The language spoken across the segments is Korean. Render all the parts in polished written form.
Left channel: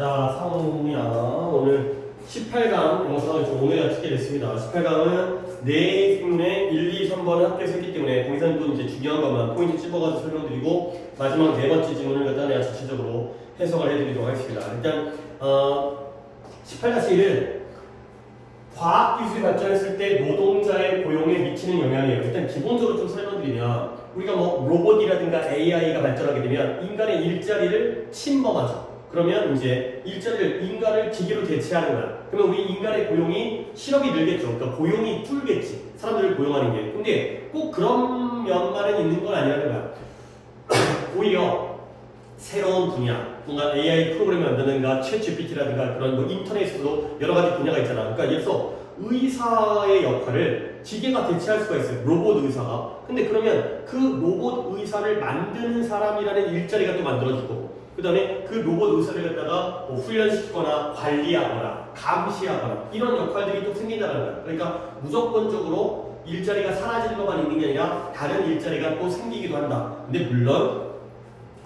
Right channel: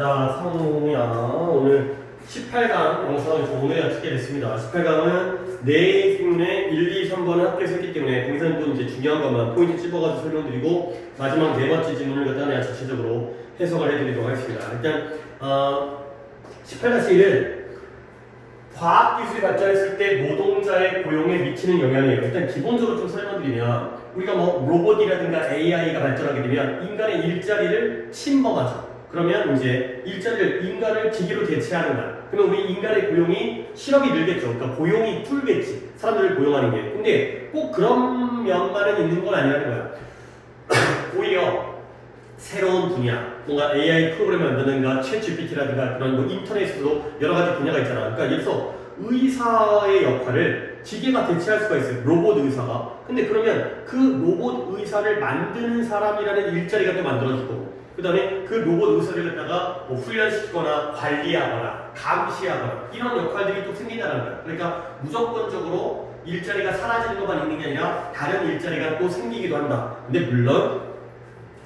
자, 성우야. 오늘 18강 영상을 좀 오늘 찍게 됐습니다. 18강은 네 부분에 1, 2, 3번을 합해서 했기 때문에 동사는 이제 중요한 것만 포인트 찝어가지고 설명드리고 마지막 네 번째 질문을 갖다 내가 전체적으로 해석을 해드리도록 하겠습니다. 일단 18-1은 과학기술이 발전했을 때 노동자의 고용에 미치는 영향이에요. 일단 기본적으로 좀 설명드리면 우리가 뭐 로봇이라든가 AI가 발전하게 되면 인간의 일자리를 침범하죠. 그러면 이제 일자리를 인간을 기계로 대체하는 거야. 그러면 우리 인간의 고용이 실업이 늘겠죠. 그러니까 고용이 줄겠지. 사람들을 고용하는 게. 근데 꼭 그런 면만은 있는 건 아니라는 거야. 오히려 새로운 분야, 뭔가 AI 프로그램을 만드는가, 챗GPT라든가 그런 뭐 인터넷에서도 여러 가지 분야가 있잖아. 그러니까 예를 들어서 의사의 역할을 기계가 대체할 수가 있어요. 로봇 의사가. 근데 그러면 그 로봇 의사를 만드는 사람이라는 일자리가 또 만들어지고, 그 다음에 그 로봇 의사를 갖다가 뭐 훈련시키거나 관리하거나 감시하거나 이런 역할들이 또 생긴다는 거야. 그러니까 무조건적으로 일자리가 사라지는 것만 있는 게 아니라 다른 일자리가 또 생기기도 한다. 근데 물론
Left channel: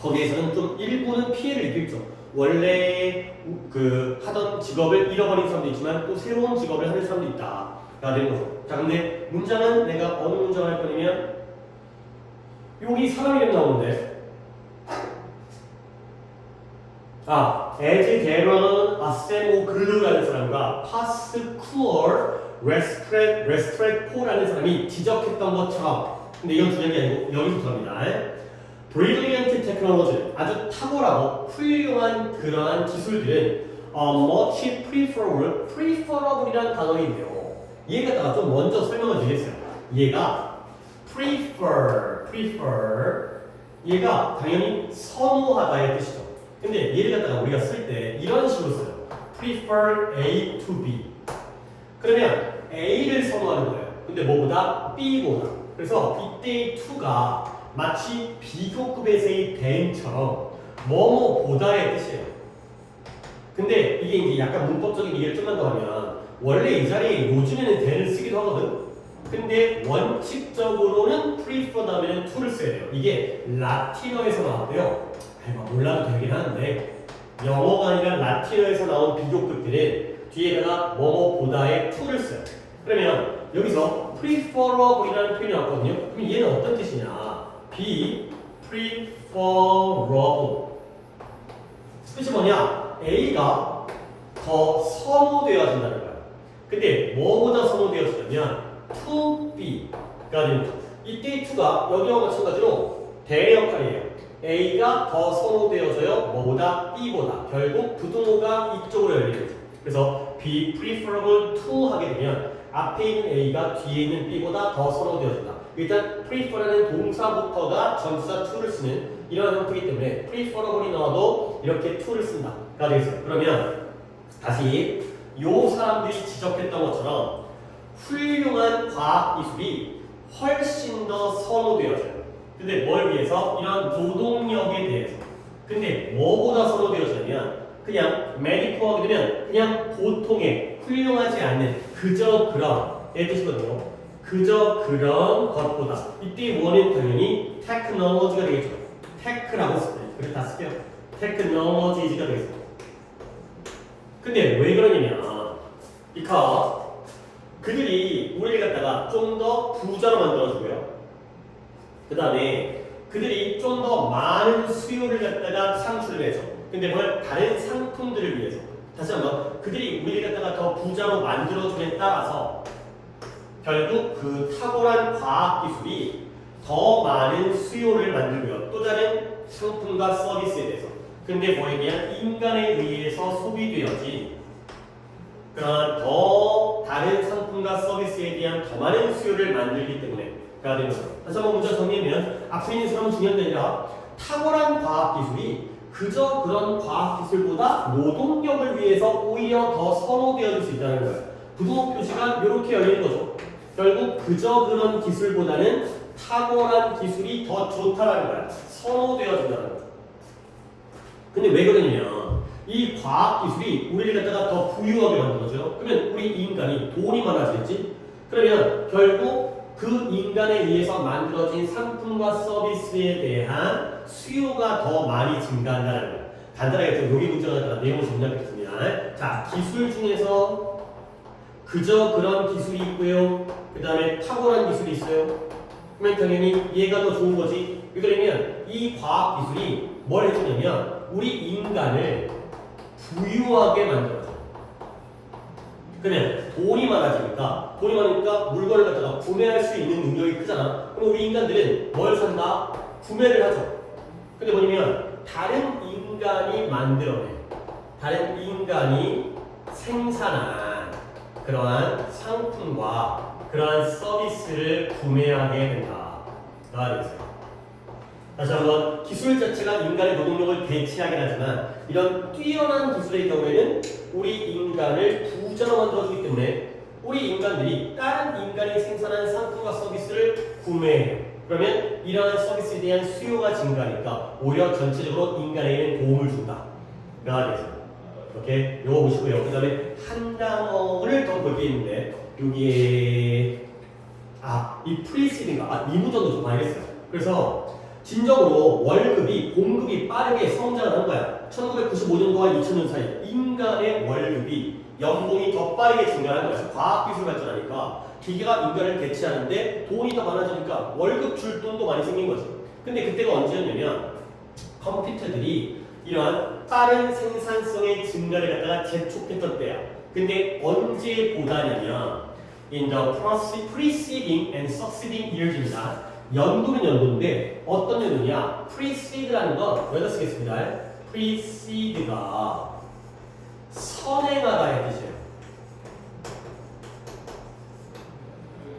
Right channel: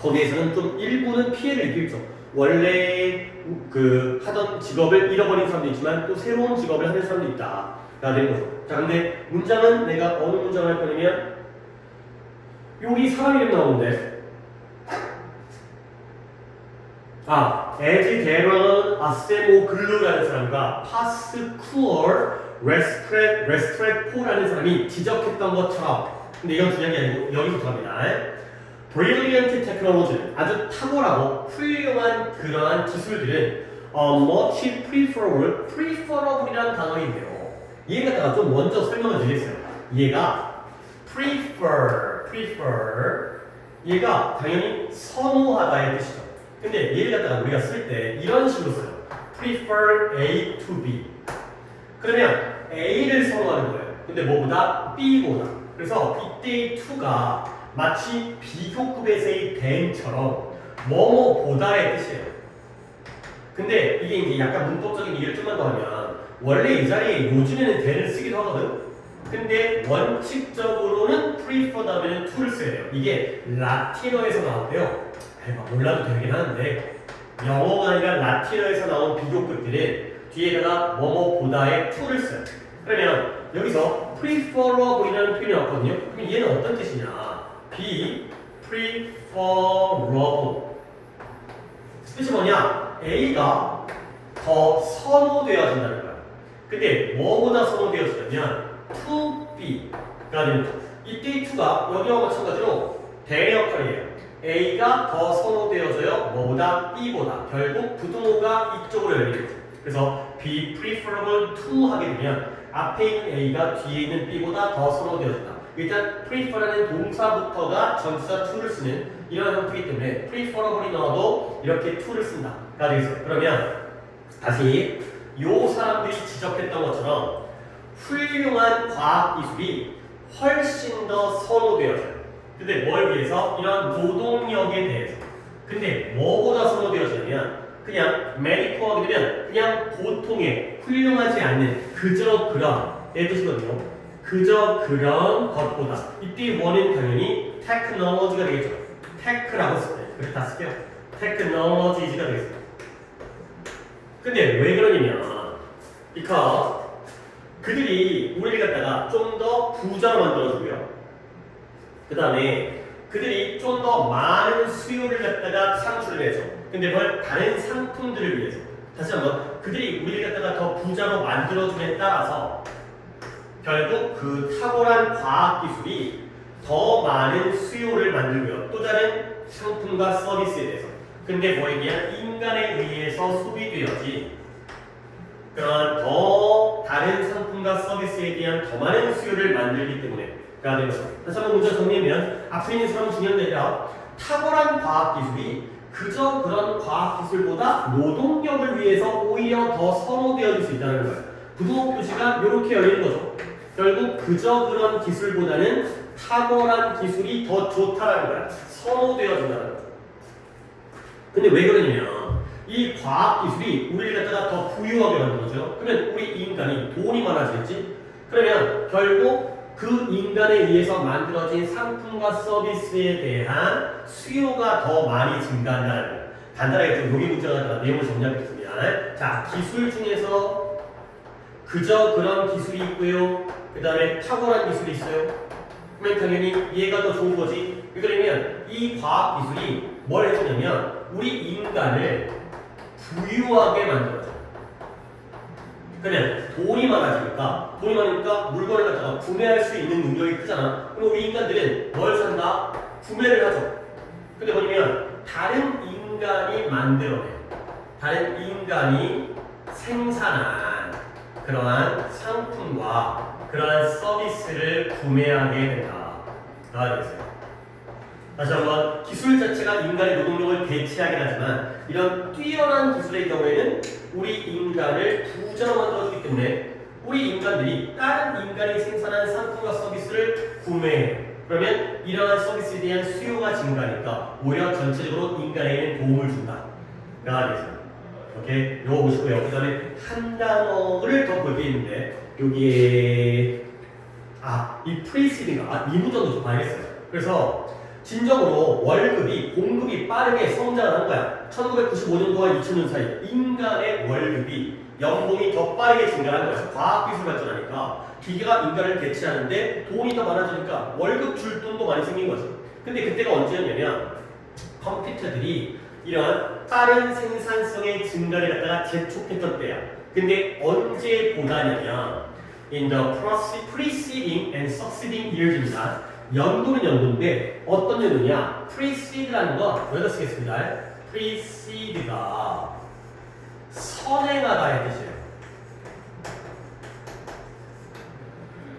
거기에서는 좀 일부는 피해를 입겠죠. 원래 그 하던 직업을 잃어버린 사람도 있지만 또 새로운 직업을 하는 사람도 있다. 가 되는 거죠. 자, 근데 문장은 내가 어느 문장을 할 거냐면 여기 사람 이름 나오는데 에즈데런 아세모글루라는 사람과 파스쿠얼 레스트레포라는 사람이 지적했던 것처럼, 근데 이건 중요한 게 아니고 여기부터 합니다. Brilliant technology, 아주 탁월하고 훌륭한 그러한 기술들은 much preferable이라는 단어인데요. 얘 갖다가 좀 먼저 설명을 드리겠어요. 얘가 prefer, 얘가 당연히 선호하다의 뜻이죠. 근데 얘를 갖다가 우리가 쓸 때 이런 식으로 써요. prefer A to B. 그러면 A를 선호하는 거예요. 근데 뭐보다? B보다. 그래서 이때의 to가 마치 비교급에서의 then처럼 뭐뭐보다의 뜻이에요. 근데 이게 이제 약간 문법적인 얘기를 좀만 더 하면 원래 이 자리에 요즘에는 then을 쓰기도 하거든. 근데 원칙적으로는 prefer 다음에는 to를 써야 돼요. 이게 라틴어에서 나왔대요. 몰라도 되긴 하는데 영어가 아니라 라틴어에서 나온 비교급들은 뒤에다가 뭐뭐보다의 to를 써요. 그러면 여기서 preferable이라는 표현이 왔거든요. 그럼 얘는 어떤 뜻이냐? be preferable. 뜻이 뭐냐? A가 더 선호되어진다는 거야. 근데 뭐보다 선호되어지냐면 to B가 되는 거죠. 이때의 to가 여기와 마찬가지로 대의 역할이에요. A가 더 선호되어져요. 뭐보다? B보다. 결국 부등호가 이쪽으로 열리는 거죠. 그래서 be preferable to 하게 되면 앞에 있는 A가 뒤에 있는 B보다 더 선호되어진다. 일단 prefer라는 동사부터가 전치사 to를 쓰는 이런 형태이기 때문에 preferable이 나와도 이렇게 to를 쓴다가 되겠어요. 그러면 다시 요 사람들이 지적했던 것처럼 훌륭한 과학기술이 훨씬 더 선호되어져요. 근데 뭘 위해서? 이런 노동력에 대해서. 근데 뭐보다 선호되어지냐면 그냥 메디컬 하게 되면 그냥 보통의 훌륭하지 않는 그저 그런 의 뜻이거든요. 그저 그런 것보다. 이때 원은 당연히 테크놀로지가 되겠죠. 테크라고 쓸 때. 그래 다 쓸게요. 테크놀로지가 되겠습니다. 근데 왜 그러냐면 because 그들이 우리를 갖다가 좀 더 부자로 만들어주고요. 그 다음에 그들이 좀 더 많은 수요를 갖다가 창출해줘. 근데 뭘? 다른 상품들을 위해서. 다시 한번 그들이 우리를 갖다가 더 부자로 만들어줌에 따라서 결국 그 탁월한 과학기술이 더 많은 수요를 만들고요. 또 다른 상품과 서비스에 대해서. 근데 뭐에 대한 인간에 의해서 소비되어진 그런 더 다른 상품과 서비스에 대한 더 많은 수요를 만들기 때문에 가 되는 거죠. 다시 한번 문장 정리하면 앞에 있는 사람은 중요한 게 아니라 탁월한 과학기술이 그저 그런 과학기술보다 노동력을 위해서 오히려 더 선호되어질 수 있다는 거예요. 부등호 표시가 이렇게 열리는 거죠. 결국 그저 그런 기술보다는 탁월한 기술이 더 좋다라는 거야. 선호되어진다는 거죠. 근데 왜 그러냐면 이 과학기술이 우리를 갖다가 더 부유하게 만들어줘요. 그러면 우리 인간이 돈이 많아지겠지? 그러면 결국 그 인간에 의해서 만들어진 상품과 서비스에 대한 수요가 더 많이 증가한다는 거예요. 간단하게 좀 여기 문제가 나타나 내용을 정리하겠습니다. 자, 기술 중에서 그저 그런 기술이 있고요. 그 다음에 탁월한 기술이 있어요. 그러면 당연히 얘가 더 좋은 거지. 그러면 이 과학 기술이 뭘 해주냐면 우리 인간을 부유하게 만들어줘요. 그러면 돈이 많아지니까 물건을 갖다가 구매할 수 있는 능력이 크잖아. 그럼 우리 인간들은 뭘 산다? 구매를 하죠. 근데 뭐냐면 다른 인간이 만들어낸, 다른 인간이 생산한 그러한 상품과 그러한 서비스를 구매하게 된다가 되겠어요. 다시 한번 기술 자체가 인간의 노동력을 대체하긴 하지만 이런 뛰어난 기술의 경우에는 우리 인간을 부자로 만들어주기 때문에 우리 인간들이 다른 인간이 생산한 상품과 서비스를 구매해요. 그러면 이러한 서비스에 대한 수요가 증가하니까 오히려 전체적으로 인간에게는 도움을 준다가 되겠어요. 이렇게 요거 보시고요. 그 다음에 한 단어를 더 볼 게 있는데 여기에 이 프리시딩가 이 문장도 좀 봐야겠어요. 그래서 진정으로 월급이 공급이 빠르게 성장하는 거야. 1995년도와 2000년 사이 인간의 월급이 연봉이 더 빠르게 증가하는 거야. 과학기술 발전하니까 기계가 인간을 대체하는데 돈이 더 많아지니까 월급 줄 돈도 많이 생긴 거지. 근데 그때가 언제였냐면 컴퓨터들이 이러한 빠른 생산성의 증가를 갖다가 재촉했던 때야. 근데 언제 보다냐면 in the preceding and succeeding years입니다. 연도는 연도인데 어떤 연도냐? precede라는 건 여기다 쓰겠습니다. precede가 선행하다의 뜻이에요.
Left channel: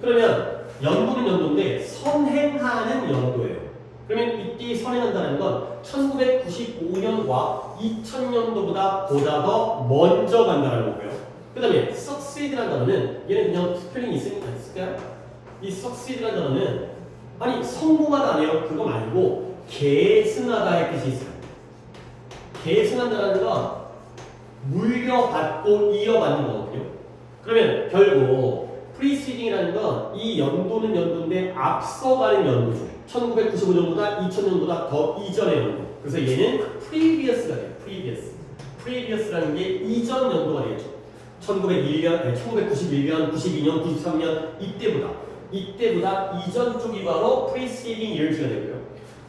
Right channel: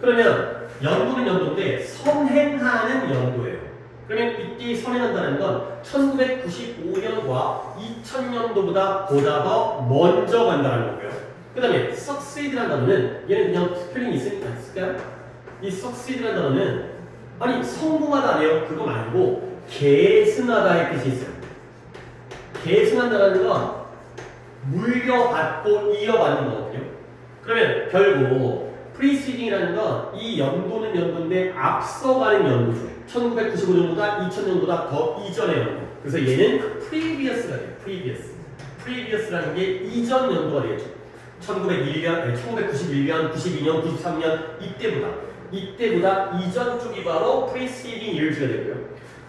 그러면 연도는 연도인데 선행하는 연도예요. 그러면 이때 선행한다는 건 1995년과 2000년도보다 보다 더 먼저 간다는 거고요. 그 다음에 succeed라는 단어는 얘는 그냥 스펠링이 있으니까 이 succeed라는 단어는 아니 성공하다 아니에요. 그거 말고 계승하다의 뜻이 있어요. 계승한다는 건 물려받고 이어받는 거거든요. 그러면 결국 preceding이라는 건 이 연도는 연도인데 앞서가는 연도죠. 1995년보다 2000년보다 더 이전의 연도. 그래서 얘는 previous가 돼요. previous라는 게 이전 연도가 되겠죠. 1991년, 92년, 93년 이때보다 이전 쪽이 바로 preceding years가 되고요.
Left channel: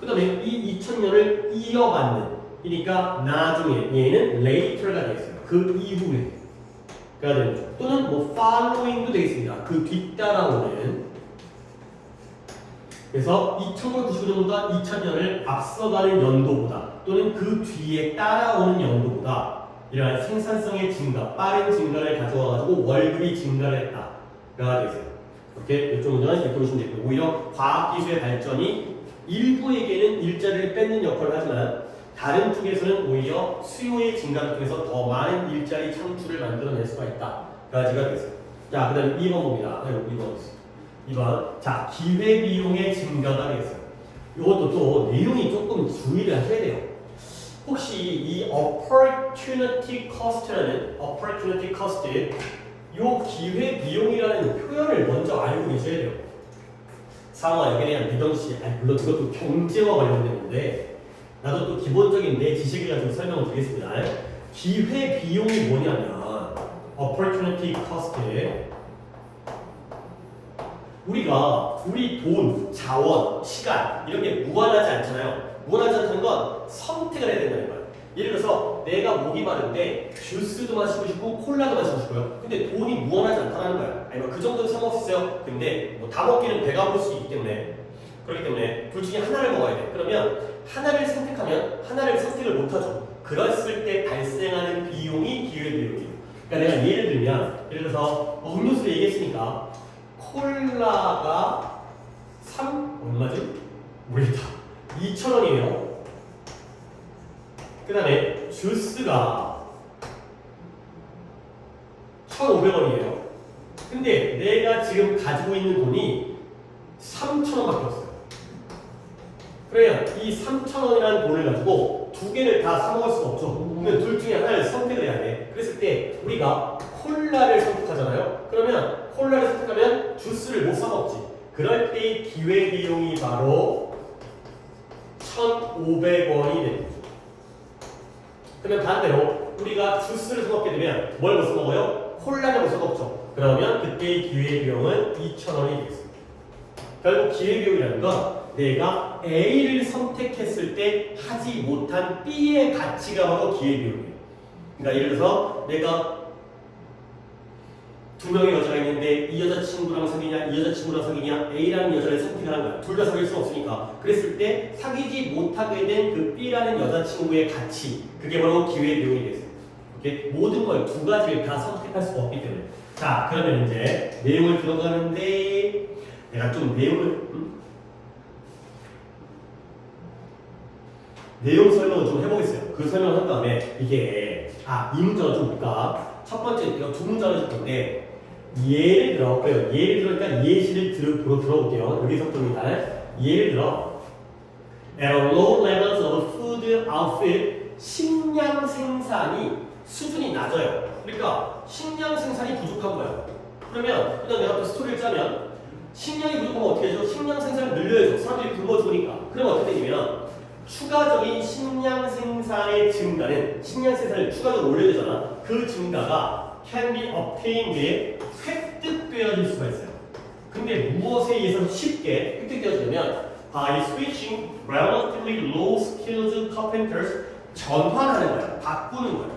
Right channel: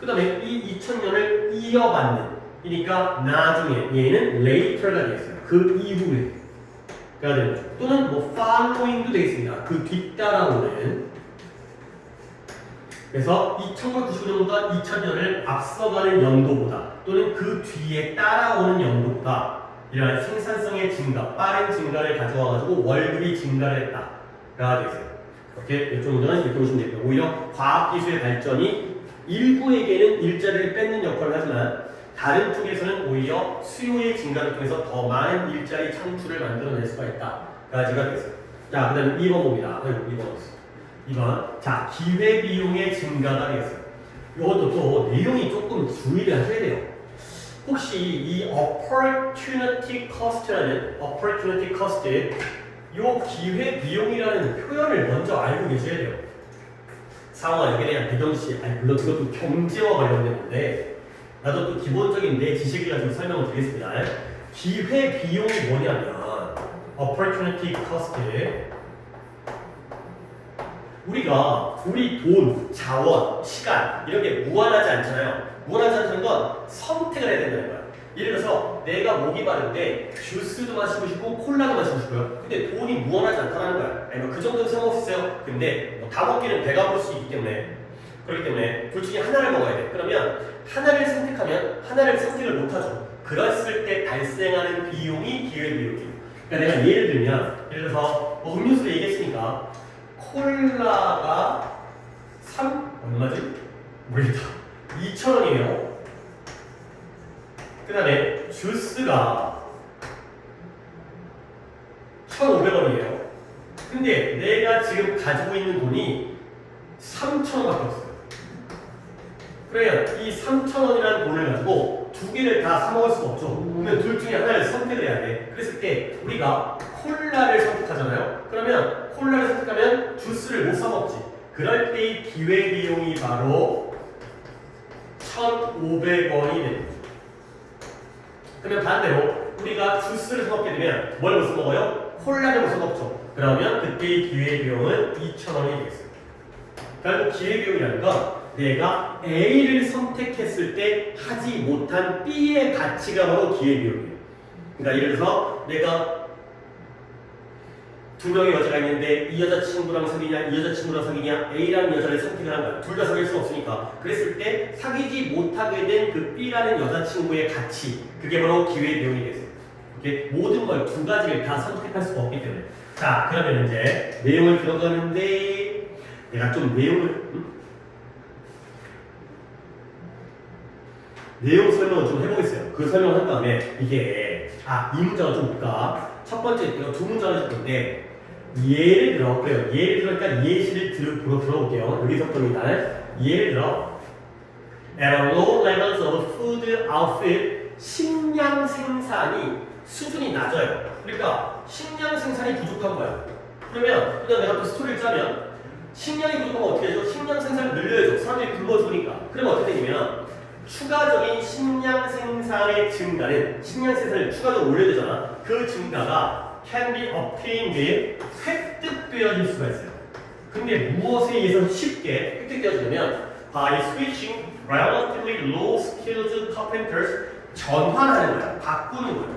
그 다음에 이 2000년을 이어받는 그러니까 나중에 얘는 later가 되겠어요. 그 이후에 가 되는 거죠. 또는 뭐 following도 되겠습니다. 그 뒤따라오는. 그래서 1999년보다 2000년을 앞서가는 연도보다 또는 그 뒤에 따라오는 연도보다 이러한 생산성의 증가, 빠른 증가를 가져와가지고 월급이 증가를 했다가 되겠어요. 이렇게 이쪽 문제는 이렇게 보시면 되고요. 오히려 과학기술의 발전이 일부에게는 일자리를 뺏는 역할을 하지만 다른 쪽에서는 오히려 수요의 증가를 통해서 더 많은 일자리 창출을 만들어낼 수가 있다가 되겠어요. 자, 그 다음에 2번 봅니다. 2번. 자, 기회비용의 증가가 되겠어요. 이것도 또 내용이 조금 주의를 하셔야 돼요. 혹시 이 opportunity cost, 요 기회비용이라는 표현을 먼저 알고 계셔야 돼요. 상황 여기에 대한 배경시, 물론 그것도 경제와 관련된 건데 나도 또 기본적인 내 지식을 가지고 설명을 드리겠습니다. 기회비용이 뭐냐면 opportunity cost, 우리가 우리 돈, 자원, 시간 이런 게 무한하지 않잖아요. 무한하지 않다는 건 선택을 해야 된다는 거야. 예를 들어서 내가 목이 마른데 주스도 마시고 싶고 콜라도 마시고 싶어요. 근데 돈이 무한하지 않다는 거야. 아니 그 정도는 상관없어요. 근데 다 먹기는 배가 부를 수 있기 때문에 그렇기 때문에 둘 중에 하나를 먹어야 돼. 그러면 하나를 선택하면 하나를 선택을 못하죠. 그랬을 때 발생하는 비용이 기회비용이에요. 그러니까 내가 예를 들면 예를 들어서 음료수를 얘기했으니까 콜라가 얼마지? 모르겠다. 2,000원이에요. 그 다음에 주스가 1,500원이에요. 근데 내가 지금 가지고 있는 돈이 3,000원밖에 없어요. 그러면 이 3,000원이라는 돈을 가지고 두 개를 다 사 먹을 수가 없죠. 그러면 둘 중에 하나를 선택을 해야 돼. 그랬을 때 우리가 콜라를 선택하잖아요. 그러면 콜라를 선택하면 주스를 못 사 먹지. 그럴 때의 기회비용이 바로 1,500원이 되는 거죠. 그러면 반대로 우리가 주스를 사 먹게 되면 뭘 무슨 먹어요? 콜라를 무슨 먹죠? 그러면 그때의 기회비용은 2,000원이 되겠습니다. 결국 기회비용이라는 건 내가 A를 선택했을 때 하지 못한 B의 가치가 바로 기회비용이에요. 그러니까 예를 들어서 내가 두 명의 여자가 있는데 이 여자친구랑 사귀냐 이 여자친구랑 사귀냐 A라는 여자를 선택을 한 거야. 둘 다 사귈 수 없으니까. 그랬을 때 사귀지 못하게 된 그 B라는 여자친구의 가치, 그게 바로 기회비용이 되겠습니다. 이렇게 모든 걸 두 가지를 다 선택할 수가 없기 때문에. 자, 그러면 이제 내용을 들어가는데 내가 좀 내용 설명을 좀 해보겠어요. 그 설명을 한 다음에 이게 이 문장을 좀 볼까? 첫 번째 내가 두 문장을 줄 건데 예를 들어 예를 들으니까 예시를 들어볼게요. 여기서부터입니다. 예를 들어 at a low levels of food output 식량 생산이 수준이 낮아요. 그러니까 식량 생산이 부족한 거야. 그러면 그냥 내가 또 스토리를 짜면 식량이 부족하면 어떻게 해줘? 식량 생산을 늘려야죠. 사람들이 굶어 죽으니까. 그러면 어떻게 되냐면 추가적인 식량 생산의 증가는 식량 생산을 추가적으로 올려야 되잖아. 그 증가가 can be obtained 획득되어질 수가 있어요. 근데 무엇에 의해서 쉽게 획득되어지냐면 by switching relatively low skilled carpenters 전환하는 거야. 바꾸는 거야.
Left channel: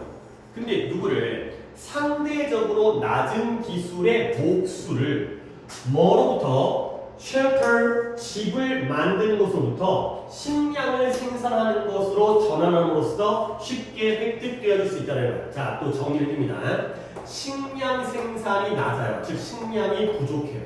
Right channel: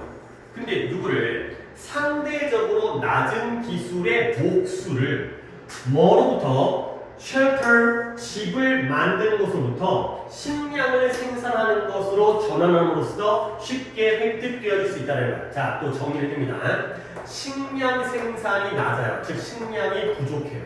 근데 누구를 상대적으로 낮은 기술의 목수를 뭐로부터 shelter 집을 만드는 것으로부터 식량을 생산하는 것으로 전환함으로써 쉽게 획득되어질 수 있다는 거야. 자, 또 정리를 해줍니다. 식량 생산이 낮아요. 즉 식량이 부족해요.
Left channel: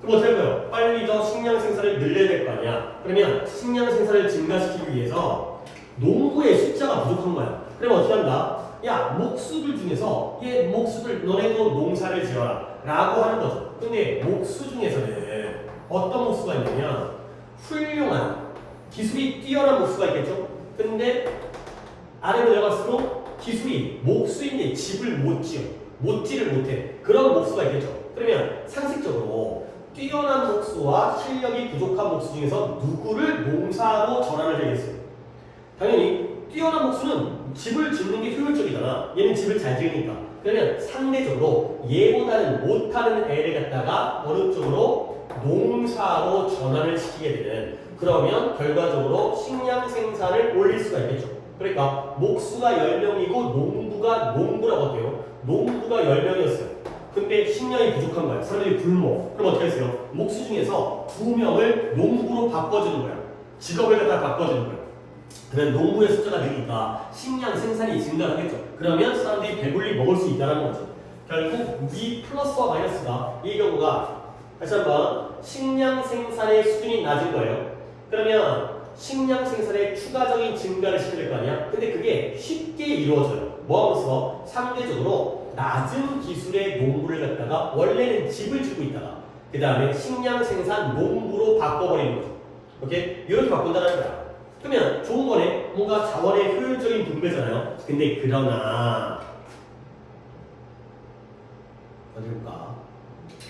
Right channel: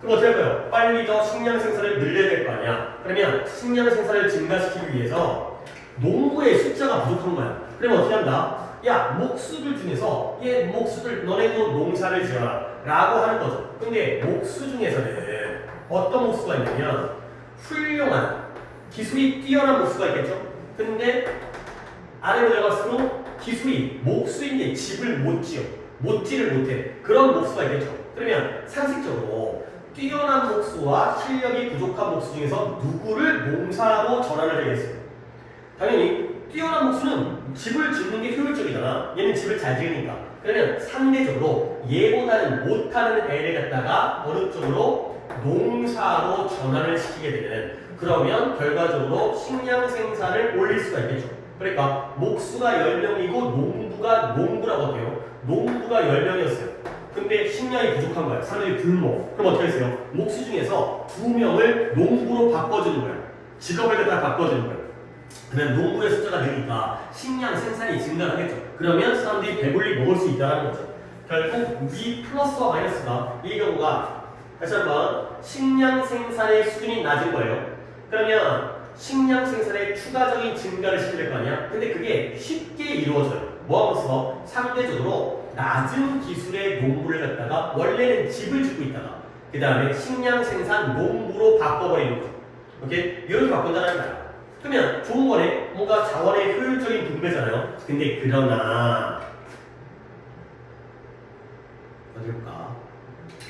그럼 어떻게 할까요? 빨리 더 식량 생산을 늘려야 될 거 아니야. 그러면 식량 생산을 증가시키기 위해서 농부의 숫자가 부족한 거야. 그러면 어떻게 한다? 야, 목수들 중에서 목수들 너네도 농사를 지어라 라고 하는 거죠. 근데 목수 중에서는 어떤 목수가 있냐면 훌륭한 기술이 뛰어난 목수가 있겠죠. 근데 아래로 내려갈수록 기술이 목수인데 집을 못 지를 못해. 그런 목수가 있겠죠. 그러면 상식적으로 뛰어난 목수와 실력이 부족한 목수 중에서 누구를 농사로 전환을 해야겠어요? 당연히 뛰어난 목수는 집을 짓는 게 효율적이잖아. 얘는 집을 잘 지으니까. 그러면 상대적으로 얘보다는 못하는 애를 갖다가 어느 쪽으로 농사로 전환을 시키게 되는, 그러면 결과적으로 식량 생산을 올릴 수가 있겠죠. 그러니까 목수가 10명이고 농부라고 할게요. 농부가 10명이었어요. 근데 식량이 부족한 거야. 사람들이 굶어. 그럼 어떻게 했어요? 목수 중에서 2명을 농부로 바꿔주는 거야. 직업을 갖다 바꿔주는 거야. 그러면 농부의 숫자가 늘니까 식량 생산이 증가하겠죠. 그러면 사람들이 배불리 먹을 수 있다는 거죠. 결국 이 플러스와 마이너스가 이 경우가 다시 한번 식량 생산의 수준이 낮은 거예요. 그러면 식량 생산의 추가적인 증가를 시켜야 될 거 아니야? 근데 그게 쉽게 이루어져요. 뭐하면서 상대적으로 낮은 기술의 농부를 갖다가 원래는 집을 짓고 있다가 그 다음에 식량 생산 농부로 바꿔버리는 거죠. 오케이? 이렇게 바꾼다는 거야. 그러면 좋은 거네. 뭔가 자원의 효율적인 분배잖아요. 근데 그러나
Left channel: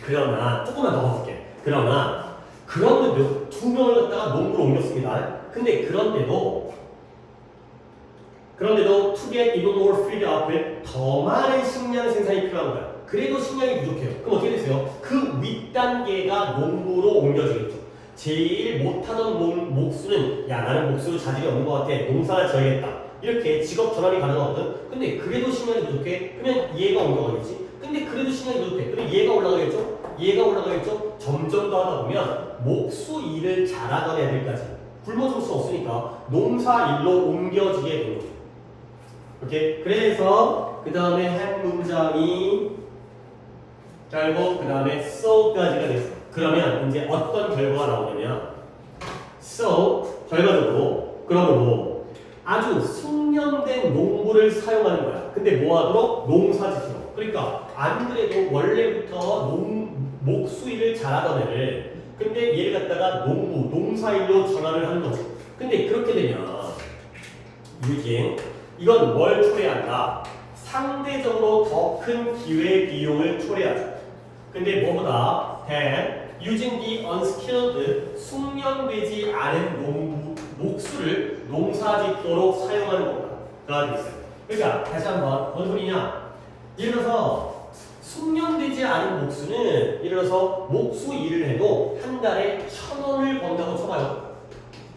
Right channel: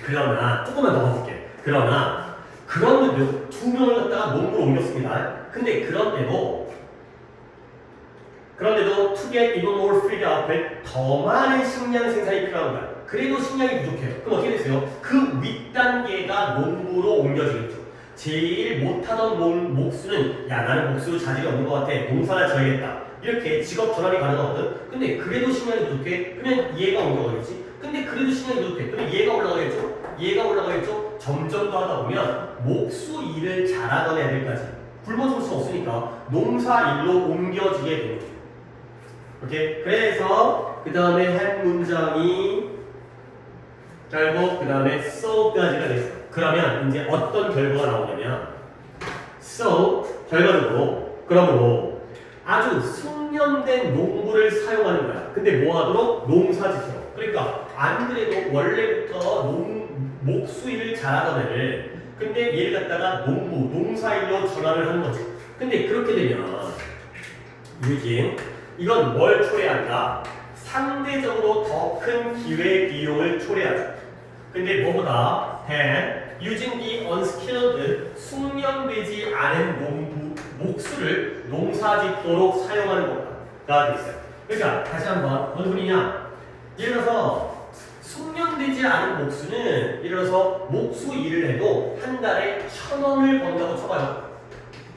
그러나 조금만 더 가볼게. 그러나 그런데도 2명을 갖다가 농부로 옮겼습니다. 근데 그런데도 to get even more food output 더 많은 식량 생산이 필요한 거야. 그래도 식량이 부족해요. 그럼 어떻게 되세요? 그 윗단계가 농부로 옮겨지겠죠. 제일 못하던 목수는 야, 나는 목수로 자질이 없는 것 같아. 농사를 지어야겠다. 이렇게 직업 전환이 가능하거든. 근데 그래도 식량이 부족해. 그러면 얘가 옮겨가겠지. 근데 그래도 식량이 부족해. 그러면 얘가 올라가겠죠. 얘가 올라가겠죠. 점점 더 하다 보면 목수 일을 잘하던 애들까지 굶어 죽을 수 없으니까 농사 일로 옮겨지게 되는 거죠. 오케이. 그래서 그 다음에 한 문장이 결국 그 다음에 so까지가 됐어. 그러면 이제 어떤 결과가 나오냐면 so 결과적으로 그러므로 아주 숙련된 농부를 사용하는 거야. 근데 뭐하도록? 농사짓도록. 그러니까 안 그래도 원래부터 목수 일을 잘하던 애를 근데 얘를 갖다가 농사일로 전환을 하는 거지. 근데 그렇게 되면 유진 이건 뭘 초래한다? 상대적으로 더 큰 기회 비용을 초래하죠. 근데 뭐보다 using the unskilled 숙련되지 않은 목수를 농사짓도록 사용하는 것가 되어 있어요. 그러니까 다시 한번 뭔 소리냐? 예를 들어서 숙련되지 않은 목수는 예를 들어서 목수 일을 해도 한 달에 1,000원을 번다고 쳐봐요.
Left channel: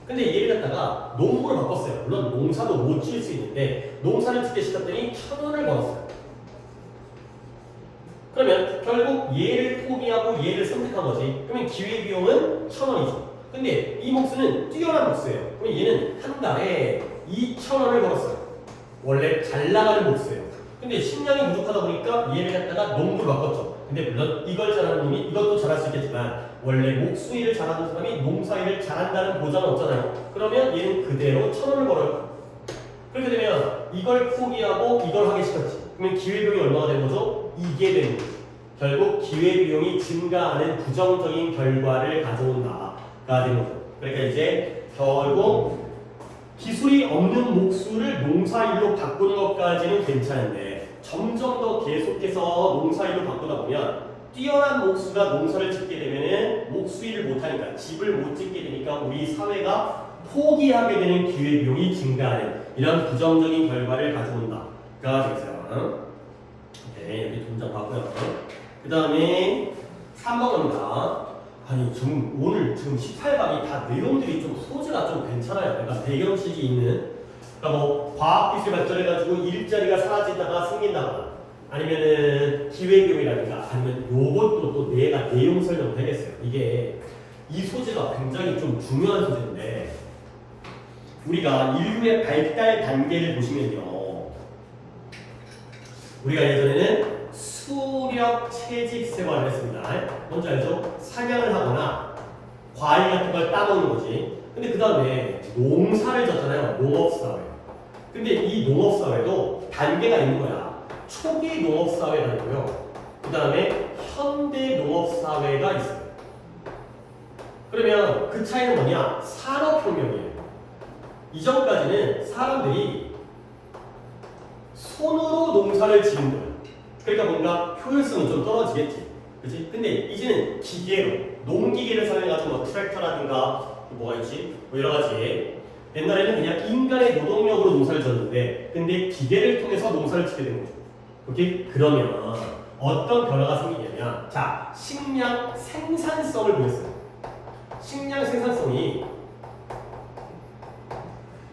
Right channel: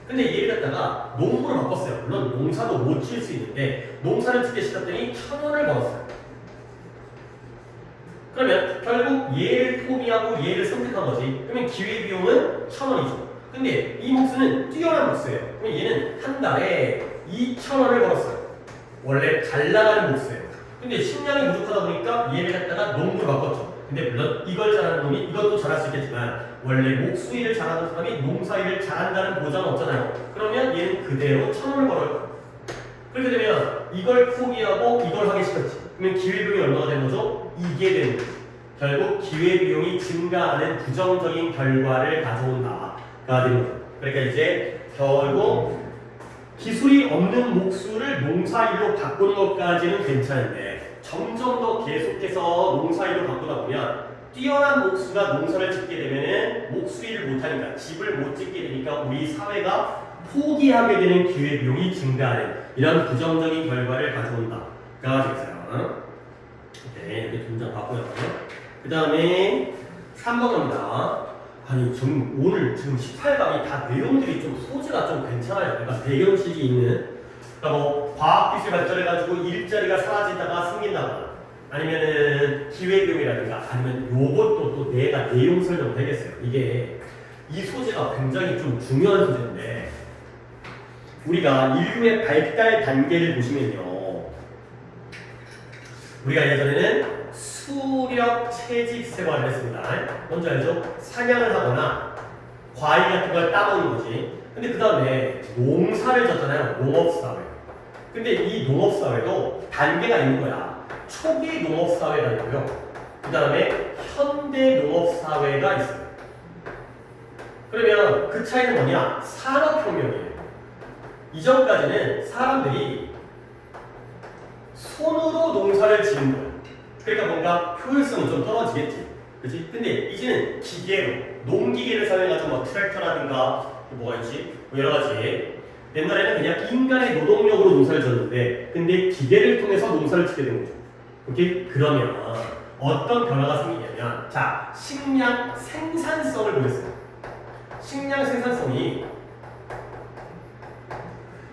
근데 얘를 갖다가 농부로 바꿨어요. 물론 농사도 못 지을 수 있는데 농사를 짓게 시켰더니 1,000원을 벌었어요. 그러면 결국 얘를 포기하고 얘를 선택한 거지. 그러면 기회비용은 1,000원이죠. 근데 이 목수는 뛰어난 목수예요. 그러면 얘는 한 달에 2,000원을 벌었어요. 원래 잘 나가는 목수예요. 근데 식량이 부족하다 보니까 얘를 갖다가 농부로 바꿨죠. 근데 물론 이걸 잘하는 놈이 이것도 잘할 수 있겠지만 원래 목수 일을 잘하는 사람이 농사 일을 잘한다는 보장은 없잖아요. 그러면 얘는 그대로 1,000원을 벌어요. 그렇게 되면 이걸 포기하고 이걸 하게 시켰지. 그러면 기회비용이 얼마가 되는 거죠? 이게 되는 거죠. 결국 기회비용이 증가하는 부정적인 결과를 가져온다가 되는 거죠. 그러니까 이제 결국 기술이 없는 목수를 농사일로 바꾸는 것까지는 괜찮은데 점점 더 계속해서 농사일로 바꾸다 보면 뛰어난 목수가 농사를 짓게 되면은 목수일을 못하니까 집을 못 짓게 되니까 우리 사회가 포기하게 되는 기회비용이 증가하는 이런 부정적인 결과를 가져온다가 되겠어요. 네, 여기 동작 봤고요. 그 다음에 3번 갑니다. 아니 오늘 지금 18강이 다 내용들이 좀 소재가 좀 괜찮아요. 그러니까 배경식이 있는 그러니까 뭐 과학기술 발전해가지고 일자리가 사라지다가 생긴다거나 아니면은 기회비용이라든가 아니면 요것도 또 내가 내용 설명 되겠어요. 이게 이 소재가 굉장히 좀 중요한 소재인데 우리가 인류의 발달 단계를 보시면요. 우리가 예전에는 수렵 채집 생활을 했습니다. 뭔지 알죠? 사냥을 하거나 과일 같은 걸 따먹는 거지. 근데 그 다음에 농사를 졌잖아요. 농업사회. 근데 이 농업사회도 단계가 있는 거야. 초기 농업사회가 있고요. 그 다음에 현대 농업사회가 있어요. 그러면 그 차이는 뭐냐? 산업혁명이에요. 이전까지는 사람들이 손으로 농사를 지은 거예요. 그러니까 뭔가 효율성은 좀 떨어지겠지. 그치? 근데 이제는 기계로, 농기계를 사용해가지고 뭐 트랙터라든가 뭐가 있지? 뭐 여러 가지. 옛날에는 그냥 인간의 노동력으로 농사를 졌는데, 근데 기계를 통해서 농사를 짓게 된 거죠. 오케이? 그러면 어떤 변화가 생기냐면, 자, 식량 생산성을 보겠습니다. 식량 생산성이